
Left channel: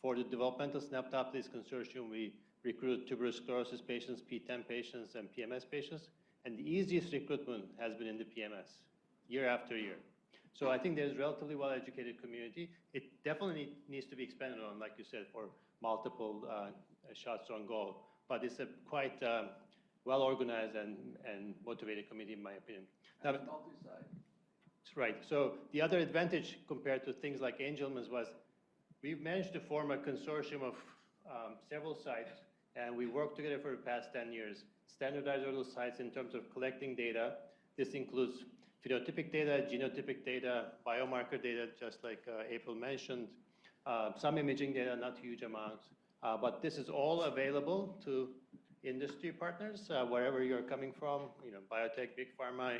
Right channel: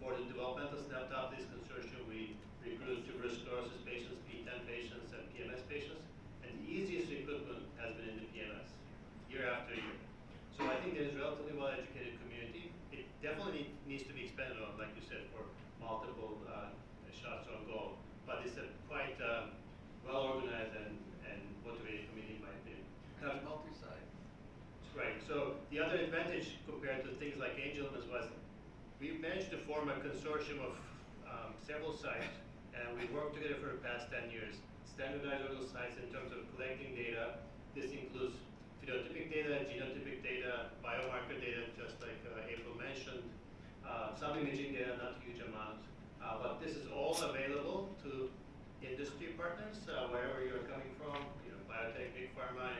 For the Developmental Synaptopathies Consortium, we recruit tuberous sclerosis patients, P10 patients, and PMS patients, and the easiest recruitment has been in the PMS, year after year. So I think there's a relatively well-educated community. It definitely needs to be expanded on, like you said, for multiple shots on goal. But it's a quite well-organized and motivated community, in my opinion. Multi-site. Right. So the other advantage compared to things like Angelman's was we managed to form a consortium of several sites, and we worked together for the past 10 years, standardize all those sites in terms of collecting data. This includes phenotypic data, genotypic data, biomarker data, just like April mentioned, some imaging data, not huge amounts. But this is all available to industry partners, wherever you're coming from, biotech, big pharma,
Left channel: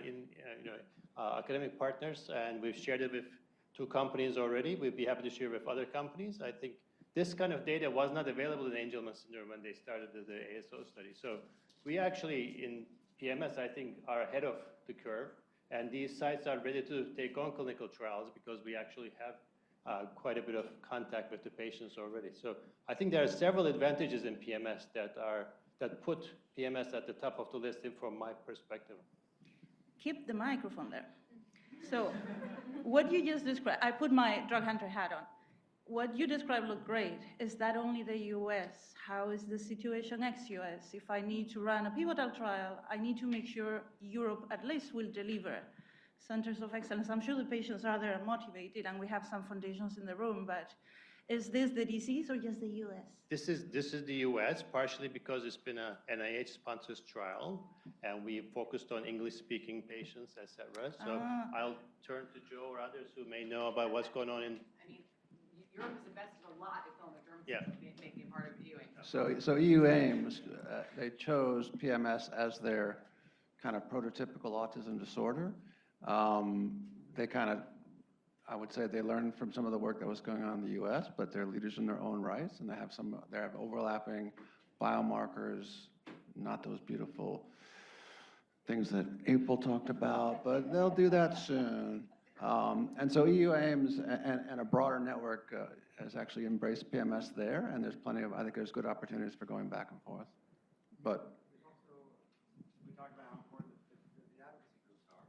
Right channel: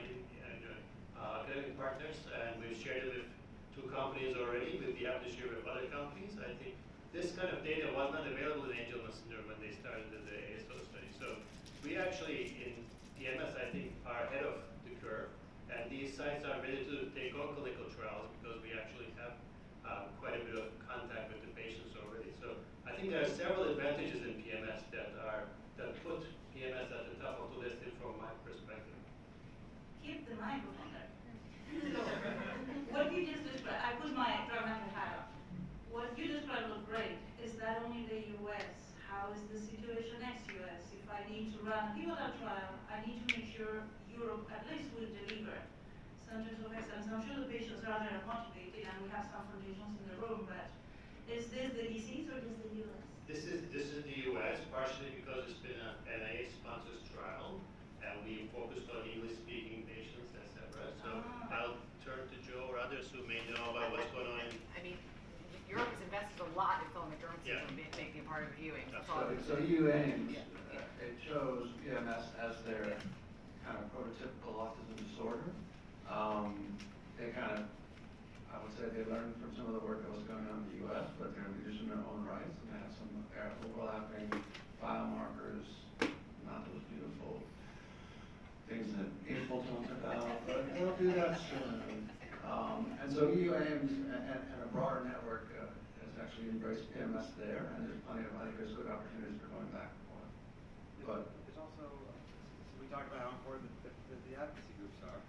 academic partners, and we've shared it with 2 companies already. We'd be happy to share with other companies. I think this kind of data was not available in Angelman syndrome when they started the ASO study. So we actually, in PMS, I think, are ahead of the curve. And these sites are ready to take on clinical trials because we actually have quite a bit of contact with the patients already. So I think there are several advantages in PMS that put PMS at the top of the list from my perspective. Keep the microphone there. So what you just described, I put my drug hunter hat on. What you described looked great. Is that only the US? How is the situation ex-US? If I need to run a pivotal trial, I need to make sure Europe at least will deliver centers of excellence. I'm sure the patients are there and motivated, and we have some foundations in the room, but is this the disease or just the US? This is the US, partially because it's been an NIH-sponsored trial, and we focused on English-speaking patients, etc. So I'll turn to Joe or others who may know about what's going on in. I mean, Europe's invested a lot in Phelan-McDermid syndrome making a part of viewing. So EU aims, they chose PMS as their kind of prototypical autism disorder. They kind of, I would say they learned from some of the work that was going on in the US, but they're leaders in their own rights, and they have overlapping biomarkers, not those beautiful things that April talked about, but they'll do that soon. And so EU aims and a broader network has actually embraced PMS there, and there's I think there's good opportunities for going back and forth. But there's also, we talked about how important the advocacy groups are.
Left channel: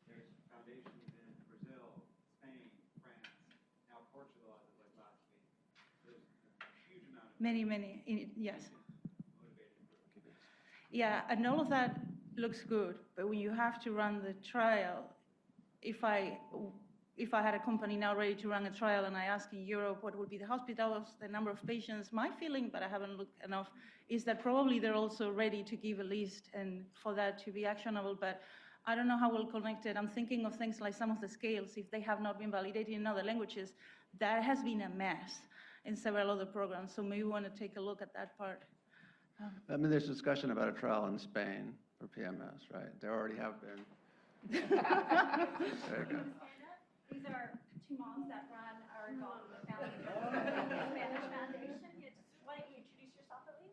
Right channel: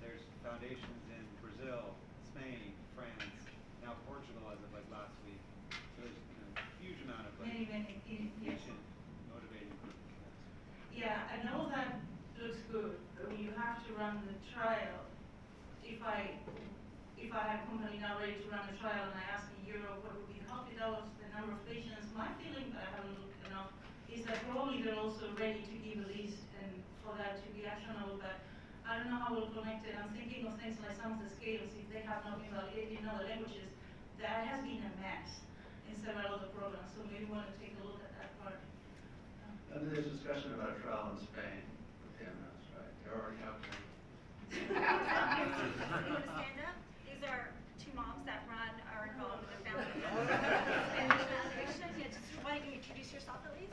There's foundations in Brazil, Spain, France, now Portugal as of like last week. So there's a huge amount of Many, yes. Motivating groups. Yeah, and all of that looks good, but when you have to run the trial, if I had a company now ready to run a trial and I ask in Europe what would be the hospitals, the number of patients, my feeling, but I haven't looked enough, is that probably they're also ready to give a list and for that to be actionable, but I don't know how we'll connect it. I'm thinking of things like some of the scales, if they have not been validated in other languages, that has been a mess in several other programs, so maybe we want to take a look at that part. I mean, there's discussion about a trial in Spain for PMS, right? There already have been. You want to stand up? These are 2 moms that are involved with the Spanish Foundation. Why don't you introduce yourself at least?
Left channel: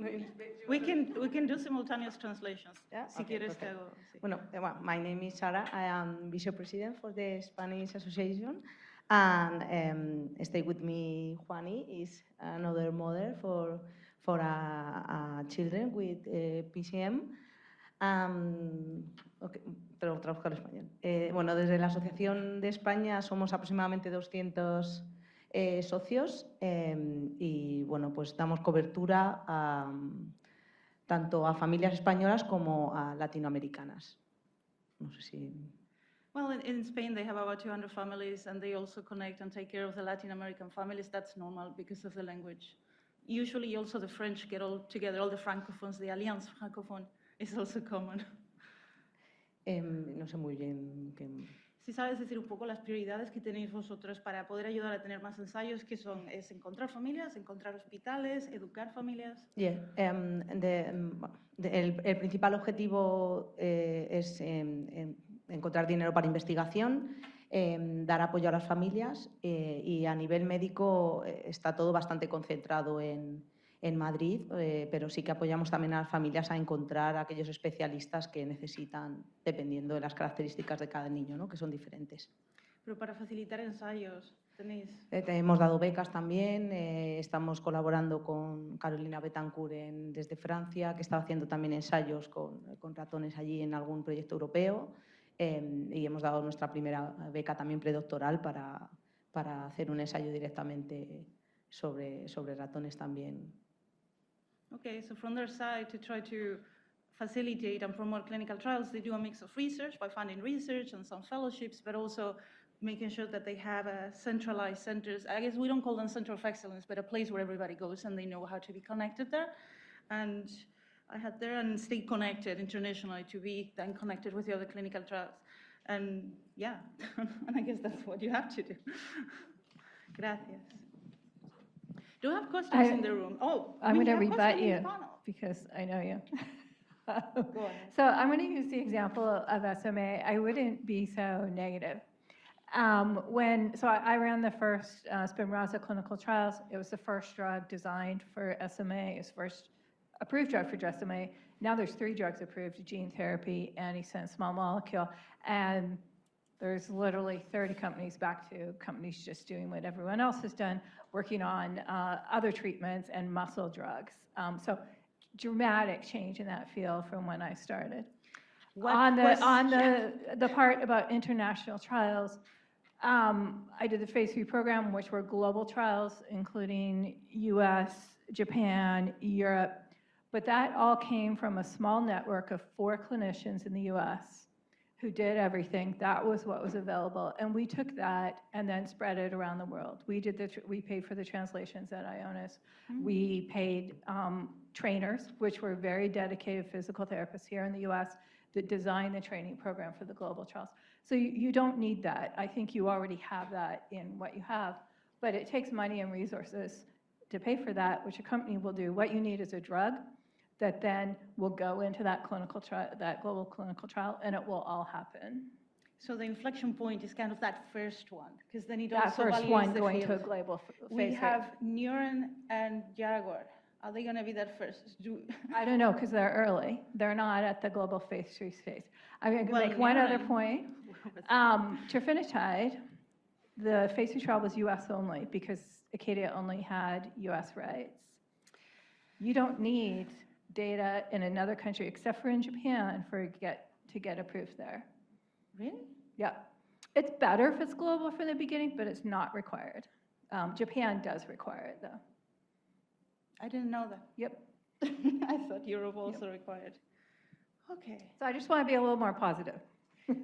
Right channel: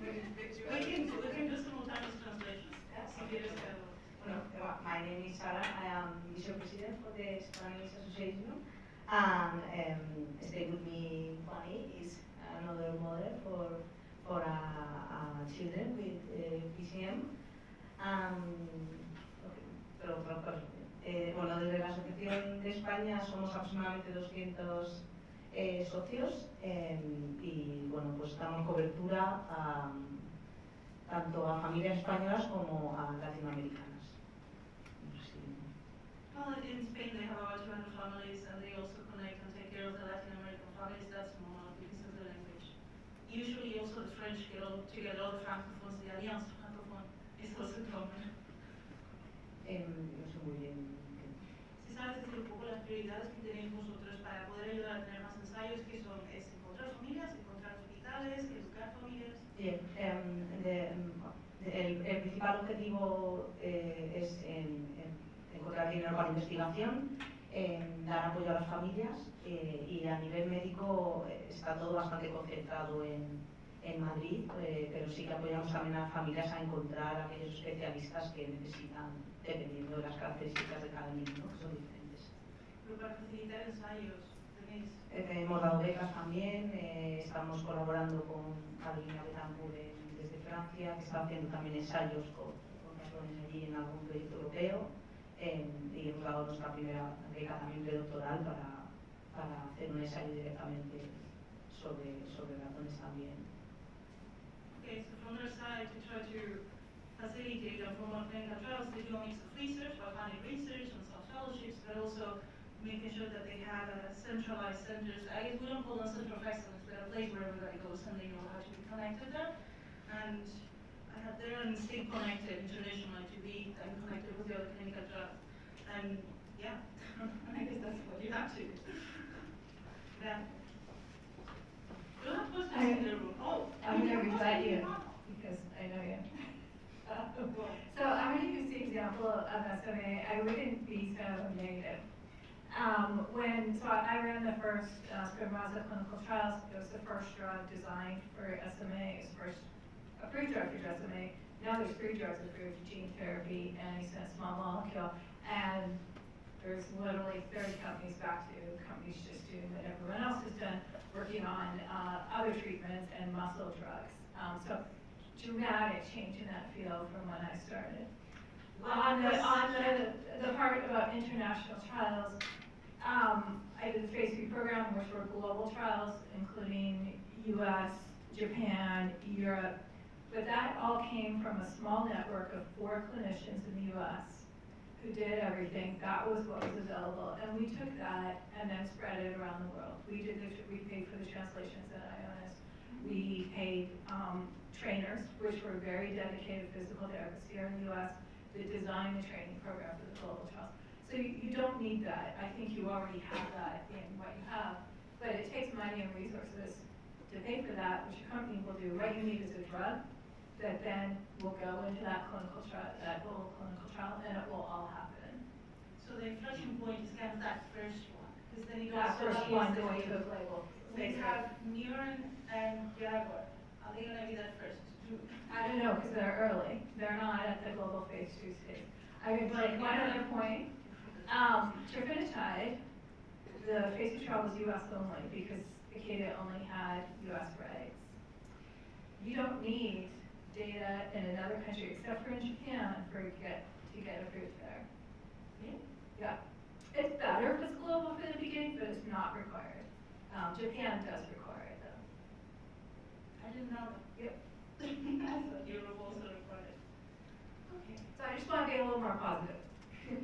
We can do simultaneous translations. Yeah, Si okay, quieres perfect. que Well, my name is Sarah. I am Vice President for the Spanish Association, and stay with me. Juani is another mother for children with PCM. Okay, pero traduzco al español. Bueno, desde la Asociación de España somos aproximadamente 200 socios y bueno, pues damos cobertura tanto a familias españolas como a latinoamericanas. No sé si... Well, in Spain they have about 200 families, and they also connect and take care of the Latin American families. That's normal because of the language. Usually also the French get all together, all the francophones, the Alliance francophone is also common. no sé muy bien qué... Si sabes decir un poco las prioridades que tenéis vosotros para poder ayudar a tener más ensayos, que son, es encontrar familias, encontrar hospitales, educar familias. Yeah, el principal objetivo es encontrar dinero para investigación, dar apoyo a las familias y a nivel médico está todo bastante concentrado en Madrid, pero sí que apoyamos también a las familias a encontrar a aquellos especialistas que necesitan, dependiendo de las características de cada niño, ¿no? Que son diferentes. Pero para facilitar ensayos, tenéis... Hemos dado becas también, estamos colaborando con Carolina Betancourt desde Francia, que está haciendo también ensayos con ratones allí en algún proyecto europeo, y hemos dado nuestra primera beca también predoctoral para hacer un ensayo directamente sobre ratones también. Okay, so from their side, to try to facilitate and promote clinical trials, they do a mix of research by funding research and some fellowships, but also making sure that they have centralized centers. I guess we don't call them center of excellence, but a place where everybody goes and they know how to be connected there. And I had there and stay connected internationally to be then connected with the other clinical trials. And yeah, and I guess that's what you have to do. Gracias. Do you have questions in the room? Oh, I'm going to rebut you Ivano. because I know you. Go on. So I'm going to use the example of SMA. I wouldn't be so negative. I ran the first Spinraza clinical trials. It was the first drug designed for SMA. It's the first approved drug for SMA. Now there's 3 drugs approved: gene therapy, antisense, small molecule, and there's literally 30 companies, back to companies just doing what everyone else has done, working on other treatments and muscle drugs. So dramatic change in that field from when I started. On the part about international trials, I did the phase 3 program, which were global trials, including US, Japan, Europe, but that all came from a small network of 4 clinicians in the US who did everything. That was what was available, and we took that and then spread it around the world. We paid for the translations at Ionis. We paid trainers, which were very dedicated physical therapists here in the US, that designed the training program for the global trials. So you don't need that. I think you already have that in what you have, but it takes money and resources to pay for that, which a company will do. What you need is a drug that then will go into that clinical trial, that global clinical trial, and it will all happen. So the inflection point is kind of that first one, because then it That also first validates one the going field. to a global We phase have Neuron and Jaguar. Are they going to be that first? I don't know, because they're early. They're not at the global phase 3 stage. I'm going to Well, make one yeah. other point. Trofinetide, the phase 2 trial was US only because Acadia only had US rights. You don't need data in another country except for in Japan to get approved there. Really? Yeah. It's better if it's global for the beginning, but it's not required. Japan does require it though. I didn't know that. Yep. I thought Europe also required. Okay. So I just want to be a little more positive.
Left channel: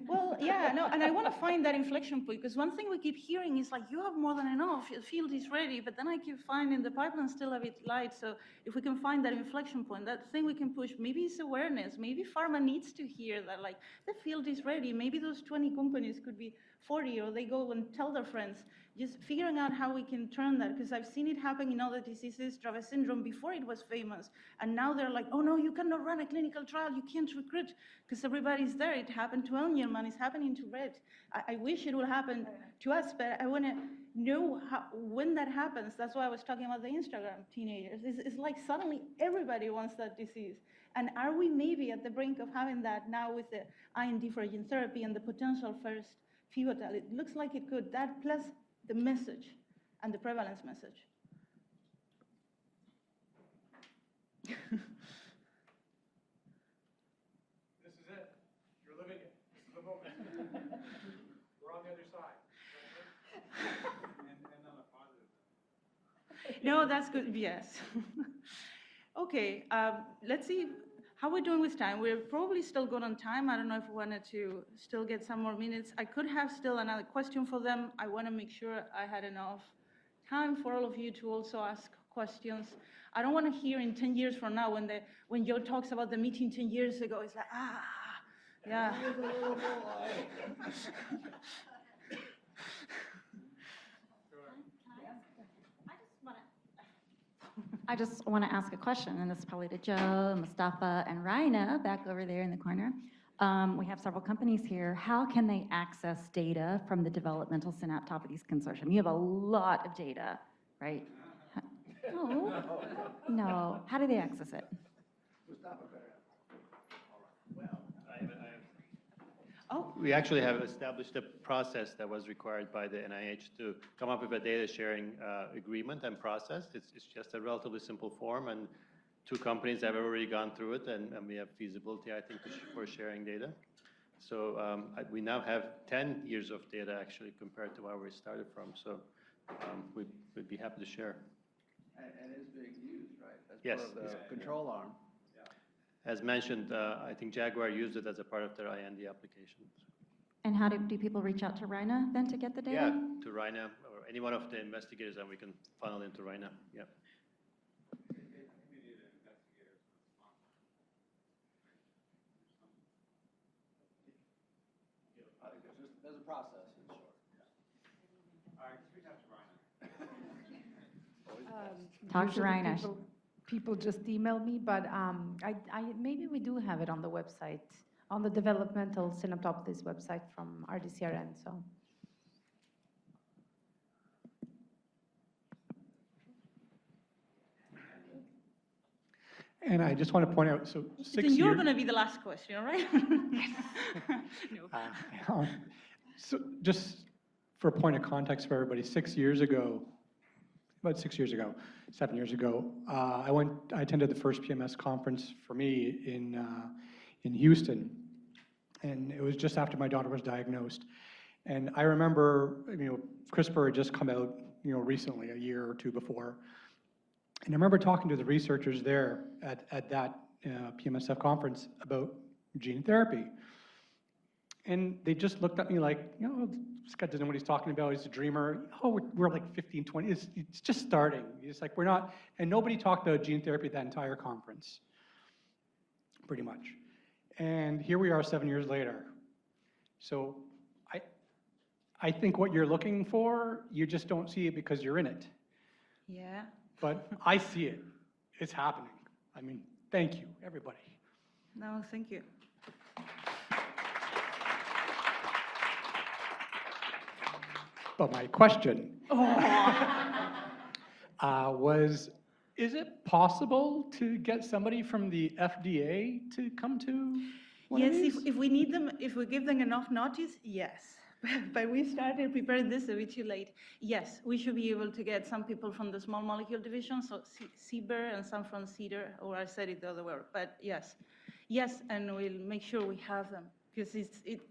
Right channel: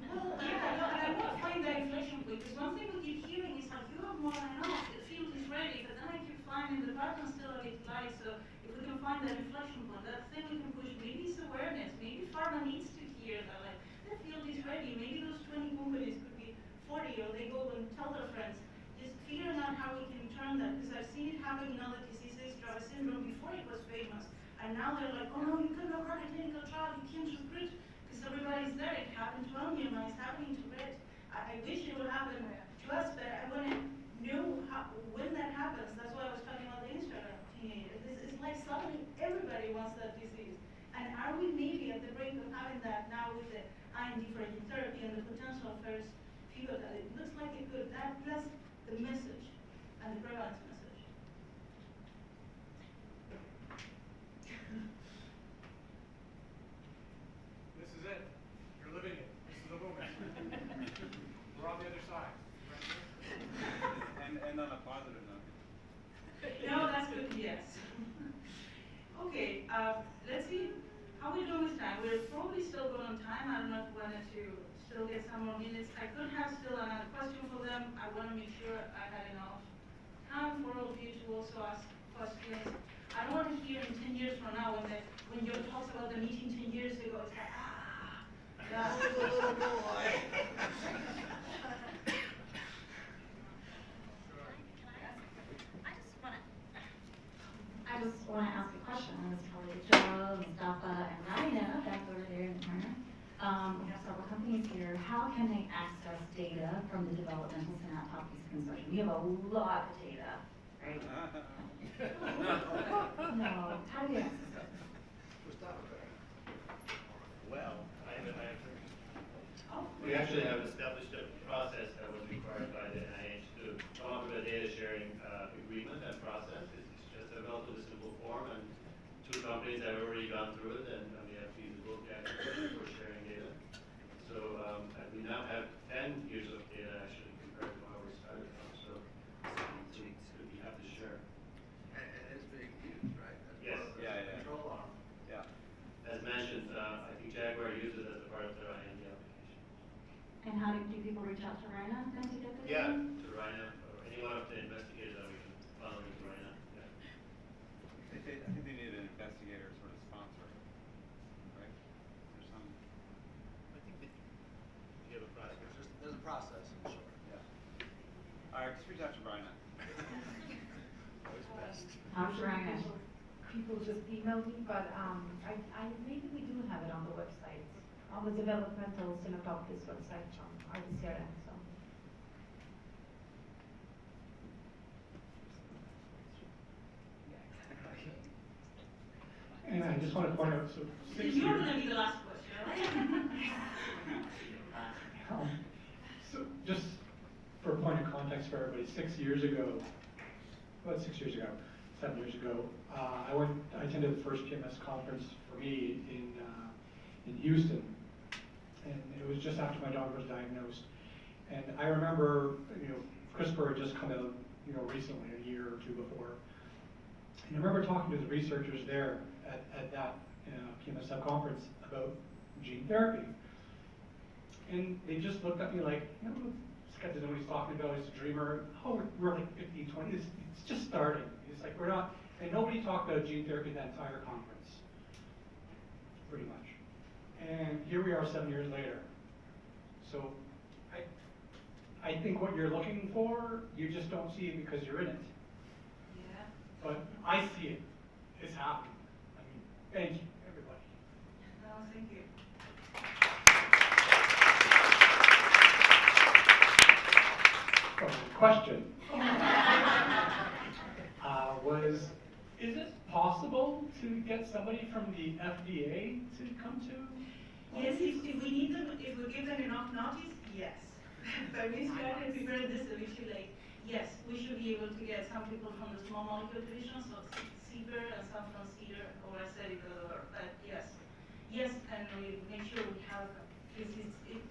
Well, yeah, no, and I want to find that inflection point, because one thing we keep hearing is like, you have more than enough, the field is ready, but then I keep finding the pipeline still a bit light, so if we can find that inflection point, that thing we can push, maybe it's awareness, maybe pharma needs to hear that, like, the field is ready, maybe those 20 companies could be 40, or they go and tell their friends, just figuring out how we can turn that, because I've seen it happen in other diseases, Dravet syndrome, before it was famous, and now they're like, oh no, you cannot run a clinical trial, you can't recruit, because everybody's there. It happened to Angelman, it's happening to Rett. I wish it would happen to us, but I want to know when that happens. That's why I was talking about the Instagram teenagers. It's like suddenly everybody wants that disease. And are we maybe at the brink of having that now with the IND for gene therapy and the potential first pivotal? It looks like it could. That plus the message and the prevalence message. This is it. You're living it. This is the moment. We're on the other side. And on a positive note. No, that's good. Yes. Okay. Let's see how we're doing with time. We're probably still good on time. I don't know if we wanted to still get some more minutes. I could have still another question for them. I want to make sure I had enough time for all of you to also ask questions. I don't want to hear in 10 years from now when Joe talks about the meeting 10 years ago, it's like, yeah. I just want to ask a question, and this is probably to Joe, Mustafa, and Raina back over there in the corner. We have several companies here. How can they access data from the Developmental Synaptopathies Consortium? You have a lot of data, right? No. How do they access it? Well, we actually have established a process that was required by the NIH to come up with a data sharing agreement and process. It's just a relatively simple form, and 2 companies have already gone through it, and we have feasibility, I think, for sharing data. So we now have 10 years of data actually compared to where we started from. So we'd be happy to share. And it's being used, right? As Yes. part of the control arm. Yeah. As mentioned, I think Jaguar used it as a part of their IND application. And how do people reach out to Raina then to get the data? Yeah, to Raina or any one of the investigators that we can funnel into Raina. Yeah. I think they need an investigator sort of sponsor, right? There's some. I think you have a process. There's a process, in short. Yeah. All right, just reach out to Brian. Talk to Raina. People just email me, but maybe we do have it on the website, on the Developmental Synaptopathies website from RDCRN. So. And I just want to point out, so 6 years. You're going to be the last question, right? So just for a point of context for everybody, 6 years ago, about 6 years ago, 7 years ago, I attended the first PMS conference for me in Houston, and it was just after my daughter was diagnosed. And I remember, CRISPR had just come out, recently, a year or 2 before. And I remember talking to the researchers there at that PMSF conference about gene therapy. And they just looked at me like, this guy doesn't know what he's talking about, he's a dreamer. Oh, we're like 15, 20, it's just starting. It's like we're not, and nobody talked about gene therapy that entire conference, pretty much. And here we are 7 years later. So I think what you're looking for, you just don't see it because you're in it. Yeah. But I see it. It's happening. I mean, thank you, everybody. No, thank you. But my question was, is it possible to get somebody from the FDA to come to one Yes, of these? if we need them, if we give them enough notice, yes. But we started preparing this a bit too late. Yes, we should be able to get some people from the small molecule division, so CBER, and some from CEDAR, or I said it the other way. But yes, and we'll make sure we have them, because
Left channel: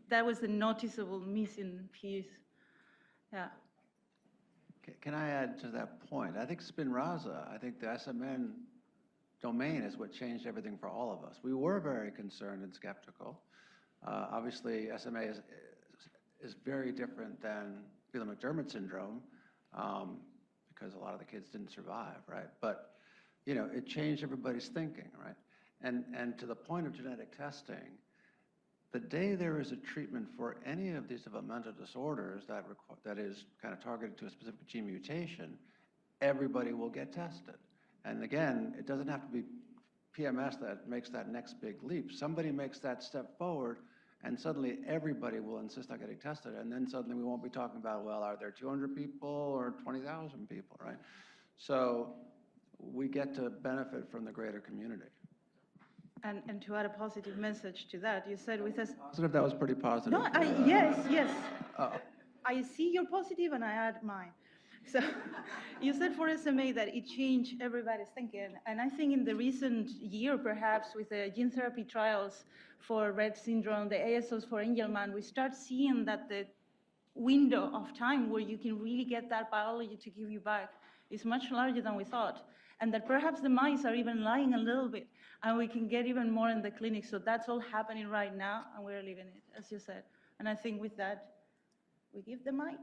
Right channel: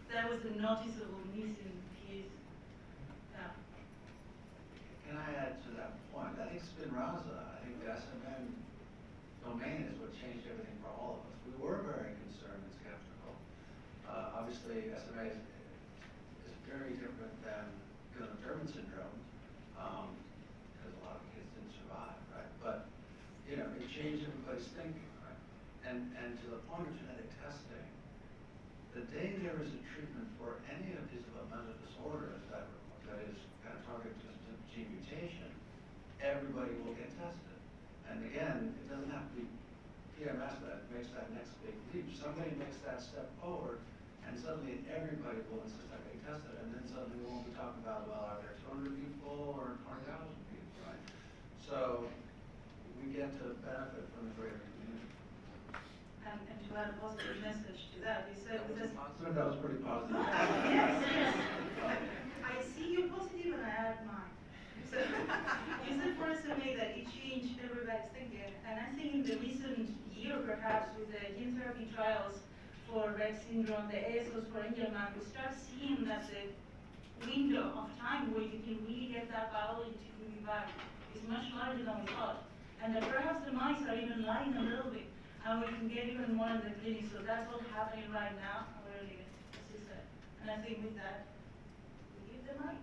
that was a noticeable missing piece. Yeah. Can I add to that point? I think Spinraza, I think the SMN domain is what changed everything for all of us. We were very concerned and skeptical. Obviously, SMA is very different than Phelan-McDermid syndrome, because a lot of the kids didn't survive, right? But, it changed everybody's thinking, right? And to the point of genetic testing, the day there is a treatment for any of these developmental disorders that is kind of targeted to a specific gene mutation, everybody will get tested. And again, it doesn't have to be PMS that makes that next big leap. Somebody makes that step forward, And suddenly everybody will insist on getting tested, and then suddenly we won't be talking about, well, are there 200 people or 20,000 people, right? So we get to benefit from the greater community. And to add a positive message to that, you said with us. Positive, that was pretty positive. No, yes. Oh. I see your positive and I add mine. So you said for SMA that it changed everybody's thinking, and I think in the recent year, perhaps with the gene therapy trials for Rett syndrome, the ASOs for Angelman, we start seeing that the window of time where you can really get that biology to give you back is much larger than we thought, and that perhaps the mice are even lying a little bit, and we can get even more in the clinic. So that's all happening right now, and we're living it, as you said. And I think with that, we give the mic.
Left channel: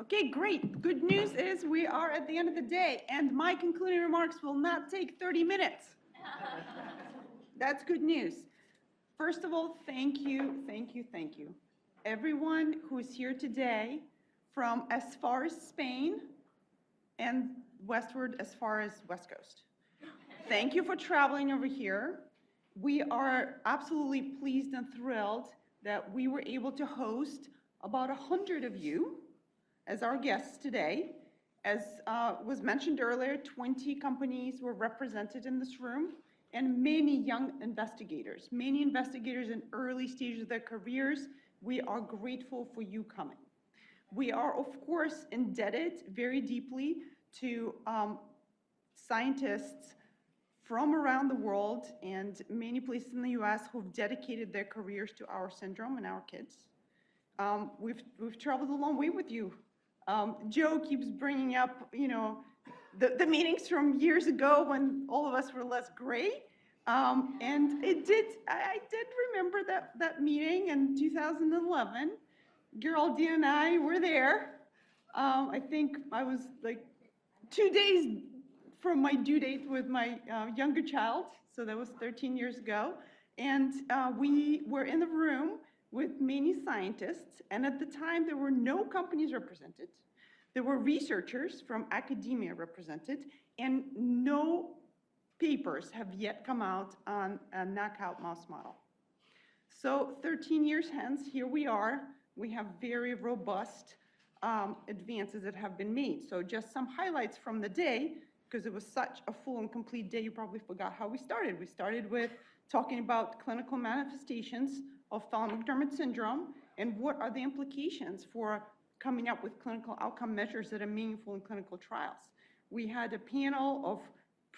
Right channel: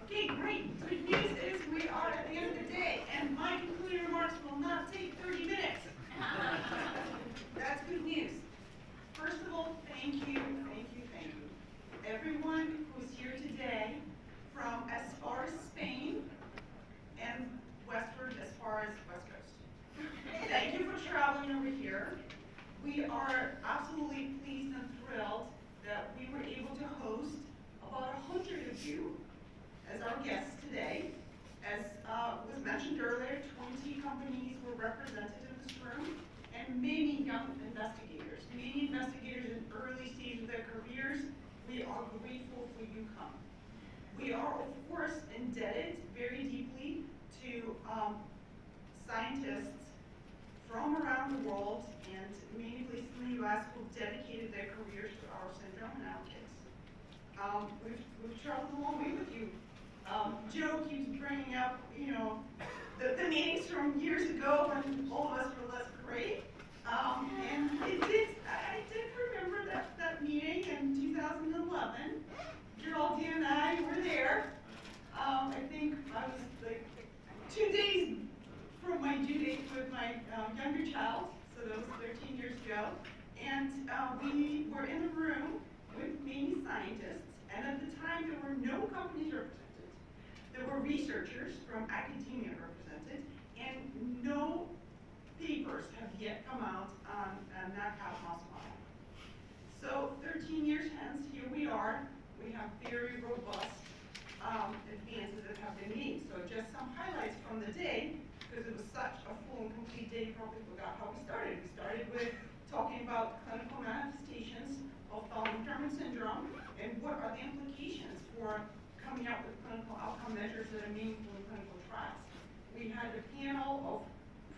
Okay, great. Good news is we are at the end of the day, and my concluding remarks will not take 30 minutes. That's good news. First of all, thank you. Everyone who is here today from as far as Spain and westward as far as West Coast. Thank you for traveling over here. We are absolutely pleased and thrilled that we were able to host about 100 of you as our guests today. As was mentioned earlier, 20 companies were represented in this room, and many young investigators, in early stages of their careers. We are grateful for you coming. We are, of course, indebted very deeply to scientists from around the world and many places in the US who've dedicated their careers to our syndrome and our kids. We've traveled a long way with you. Joe keeps bringing up, the meetings from years ago when all of us were less gray. And I did remember that meeting in 2011. Geraldine and I were there. I think I was like 2 days from my due date with my younger child, so that was 13 years ago. And we were in the room with many scientists, and at the time there were no companies represented. There were researchers from academia represented, and no papers have yet come out on a knockout mouse model. So 13 years hence, here we are. We have very robust advances that have been made. So just some highlights from the day, because it was such a full and complete day, you probably forgot how we started. We started with talking about clinical manifestations of Phelan-McDermid syndrome and what are the implications for coming up with clinical outcome measures that are meaningful in clinical trials. We had a panel of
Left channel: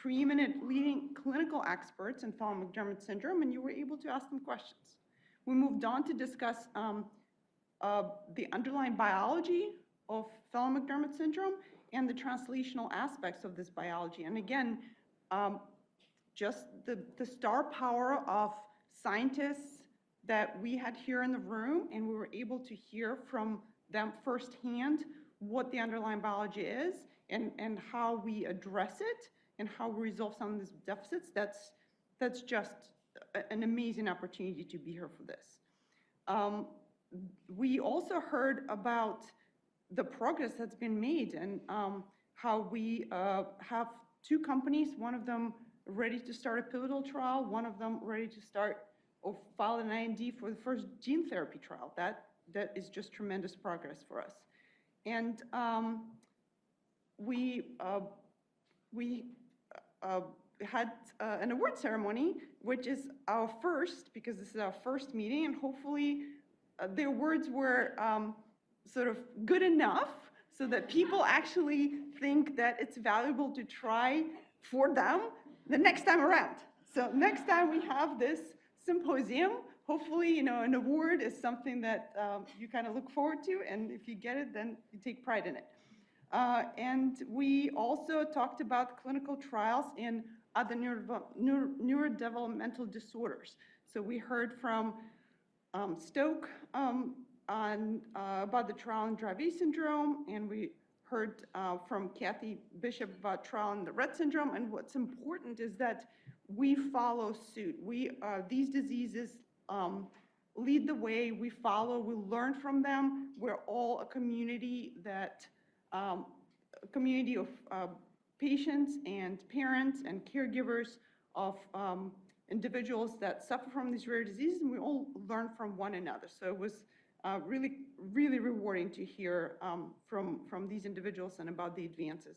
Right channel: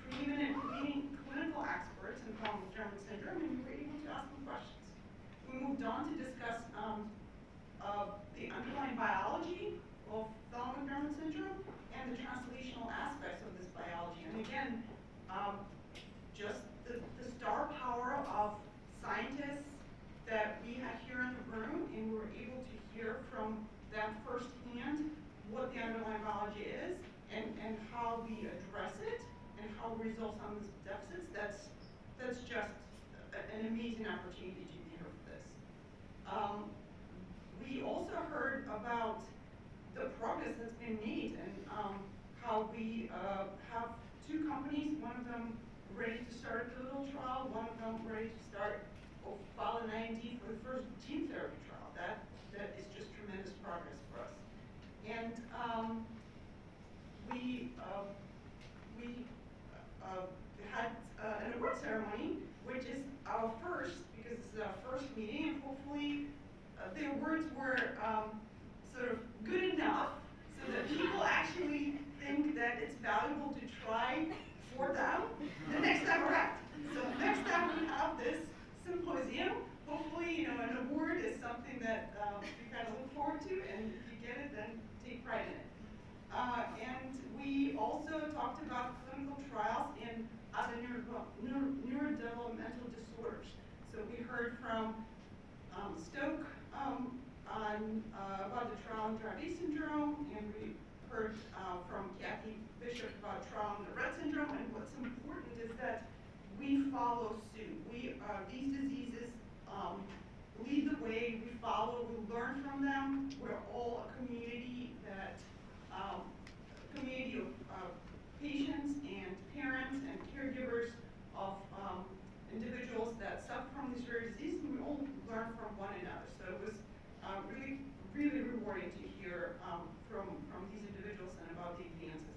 preeminent leading clinical experts in Phelan-McDermid syndrome, and you were able to ask them questions. We moved on to discuss the underlying biology of Phelan-McDermid syndrome and the translational aspects of this biology. And again, just the star power of scientists that we had here in the room, and we were able to hear from them firsthand what the underlying biology is and how we address it and how we resolve some of these deficits. That's just an amazing opportunity to be here for this. We also heard about the progress that's been made and how we have 2 companies, one of them ready to start a pivotal trial, one of them ready to start or file an IND for the first gene therapy trial. That is just tremendous progress for us. And we had an award ceremony, which is our first, because this is our first meeting, and hopefully the awards were sort of good enough so that people actually think that it's valuable to try for them the next time around. So next time we have this symposium, hopefully, an award is something that you kind of look forward to, and if you get it, then you take pride in it. And we also talked about clinical trials in other neurodevelopmental disorders. So we heard from Stoke about the trial in Dravet syndrome, and we heard from Kathie Bishop about trial in the Rett syndrome. And what's important is that we follow suit. These diseases lead the way. We follow. We learn from them. We're all a community of patients and parents and caregivers of individuals that suffer from these rare diseases, and we all learn from one another. So it was really, really rewarding to hear from these individuals and about the advances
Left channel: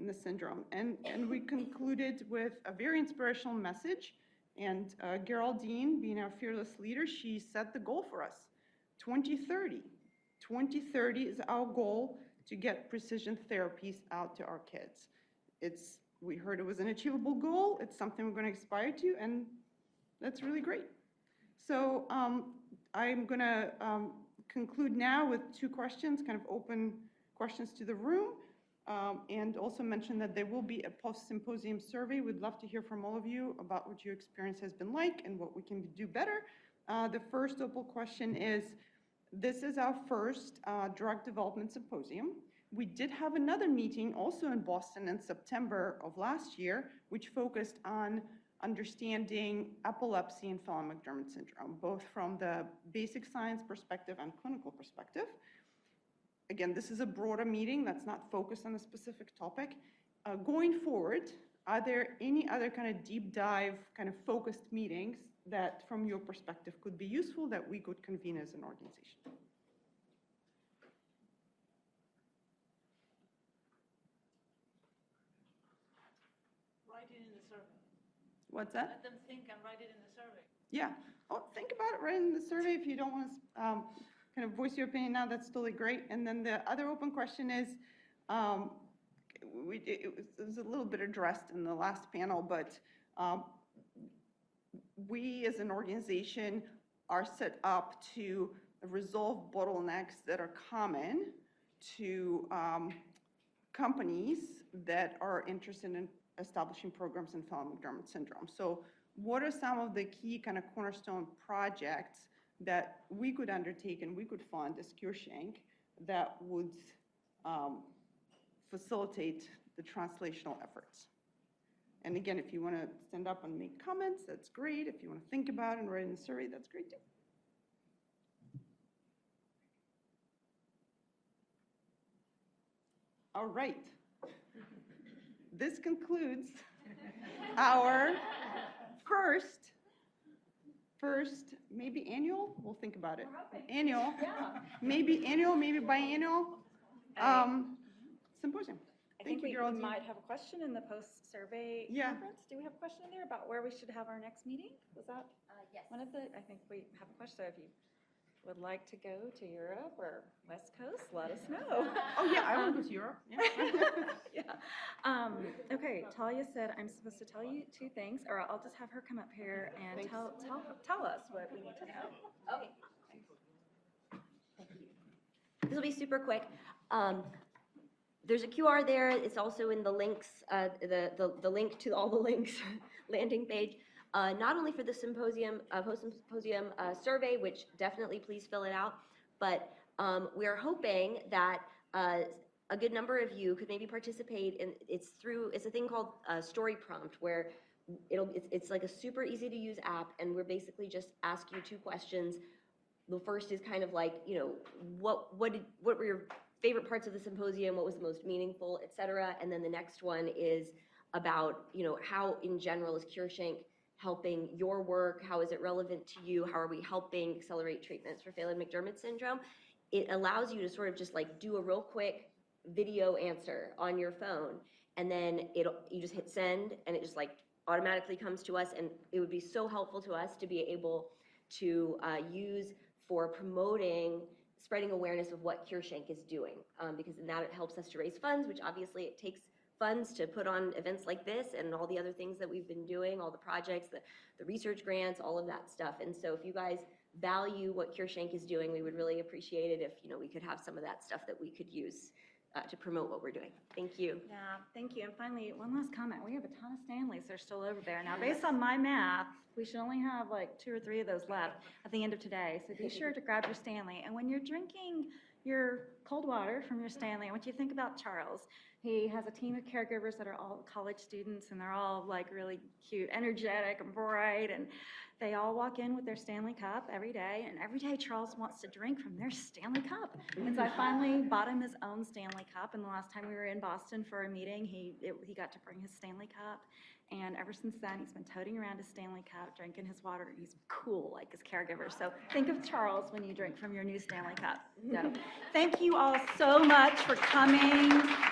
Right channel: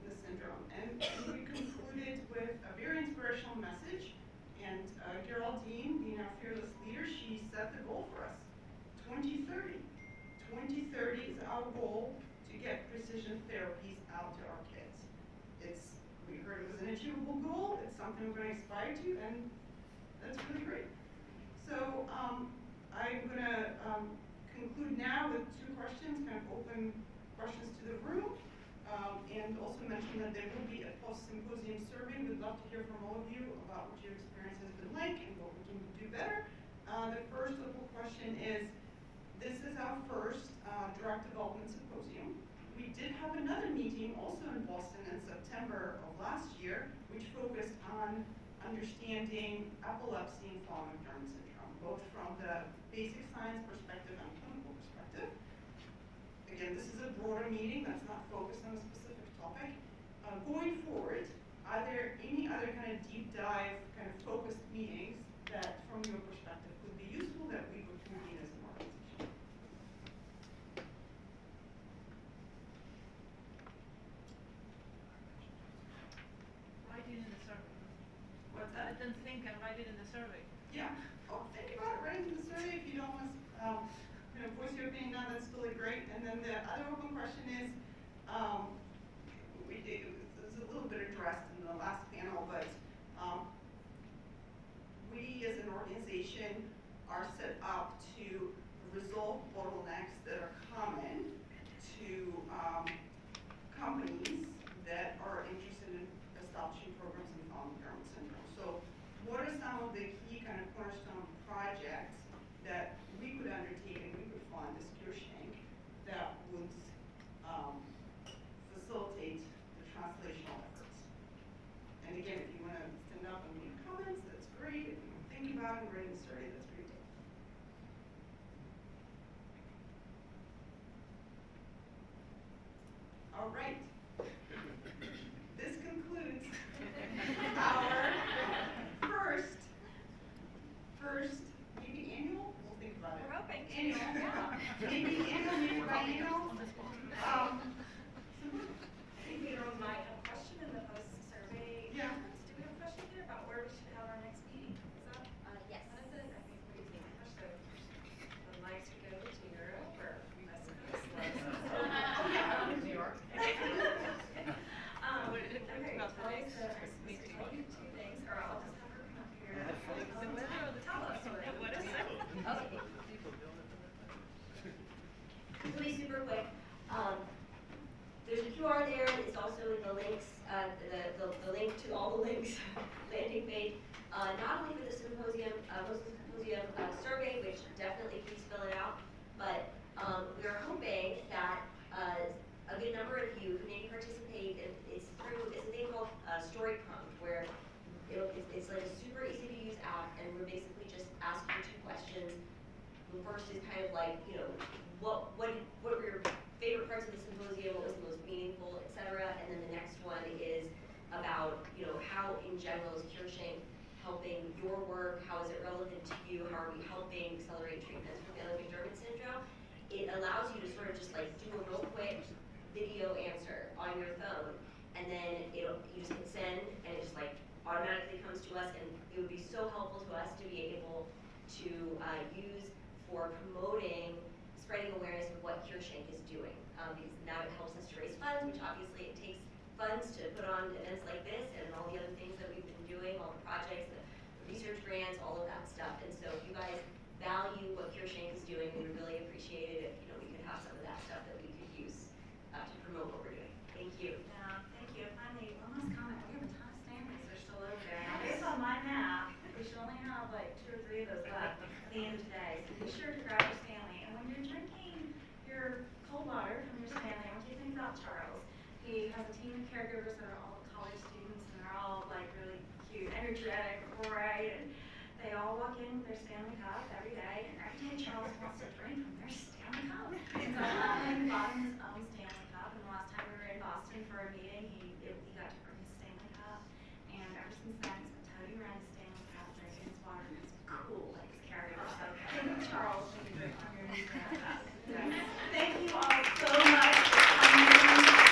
in the syndrome. And we concluded with a very inspirational message. And Geraldine, being our fearless leader, she set the goal for us, 2030. 2030 is our goal to get precision therapies out to our kids. We heard it was an achievable goal. It's something we're going to aspire to, and that's really great. So I'm going to conclude now with two questions, kind of open questions to the room, and also mention that there will be a post-symposium survey. We'd love to hear from all of you about what your experience has been like and what we can do better. The first open question is, this is our first drug development symposium. We did have another meeting also in Boston in September of last year, which focused on understanding epilepsy and Phelan-McDermid syndrome, both from the basic science perspective and clinical perspective. Again, this is a broader meeting that's not focused on a specific topic. Going forward, are there any other kind of deep dive, kind of focused meetings that from your perspective could be useful that we could convene as an organization? What's that? Then think and write it in the survey. Yeah. Oh, think about it, write it in the survey. If you don't want to kind of voice your opinion now, that's totally great. And then the other open question is, it was a little bit addressed in the last panel, but we as an organization are set up to resolve bottlenecks that are common to companies that are interested in establishing programs in Phelan-McDermid syndrome. So what are some of the key kind of cornerstone projects that we could undertake and we could fund as CureSHANK that would facilitate the translational efforts? And again, if you want to stand up and make comments, that's great. If you want to think about it and write in the survey, that's great too. All right. This concludes our first, maybe annual, we'll think about it. Annual, maybe annual, maybe biannual symposium. I think we might have a question in the post-survey conference. Do we have a question there about where we should have our next meeting? Is that yes. One of the, I think we would like to go to Europe or West Coast, let us know. Oh yeah, I went to New York. Okay, Talia said I'm supposed to tell you two things, or I'll just have her come up here and tell us. Okay. This will be super quick. There's a QR there. It's also in the links, the link to all the links landing page. Not only for the symposium, post-symposium survey, which definitely please fill it out, but we are hoping that a good number of you could maybe participate in, it's a thing called Story Prompt, where it's like a super easy to use app, and we're basically just asking you two questions. The first is kind of like, you know, what were your favorite parts of the symposium, what was the most meaningful, etc. And then the next one is about, you know, how in general is CureSHANK helping your work, how is it relevant to you, how are we helping accelerate treatments for Phelan-McDermid syndrome. It allows you to sort of just like do a real quick video answer on your phone, and then you just hit send, and it just like automatically comes to us, and it would be so helpful to us to be able to use for promoting, spreading awareness of what CureSHANK is doing, because now it helps us to raise funds, which obviously it takes funds to put on events like this and all the other things that we've been doing, all the projects, the research grants, all of that stuff. And so if you guys value what CureSHANK is doing, we would really appreciate it if, you know, we could have some of that stuff that we could use to promote what we're doing. Thank you. Yeah, thank you. Finally, one last comment. We have a ton of Stanleys that are still over there. Now, based on my math, we should only have like 2 or 3 of those left at the end of today. So be sure to grab your Stanley. And when you're drinking your cold water from your Stanley, I want you to think about Charles. He has a team of caregivers that are all college students, and they're all like really cute, energetic, and bright, and they all walk in with their Stanley cup every day, and every day Charles wants to drink from their Stanley cup. And so I finally bought him his own Stanley cup, and the last time we were in Boston for a meeting, he got to bring his Stanley cup, and Patterson's son. He's been toting around his Stanley Cup, drinking his water, and he's cool like his caregiver. So think of Charles when you drink from your new Stanley Cup. So, thank you all so much for coming.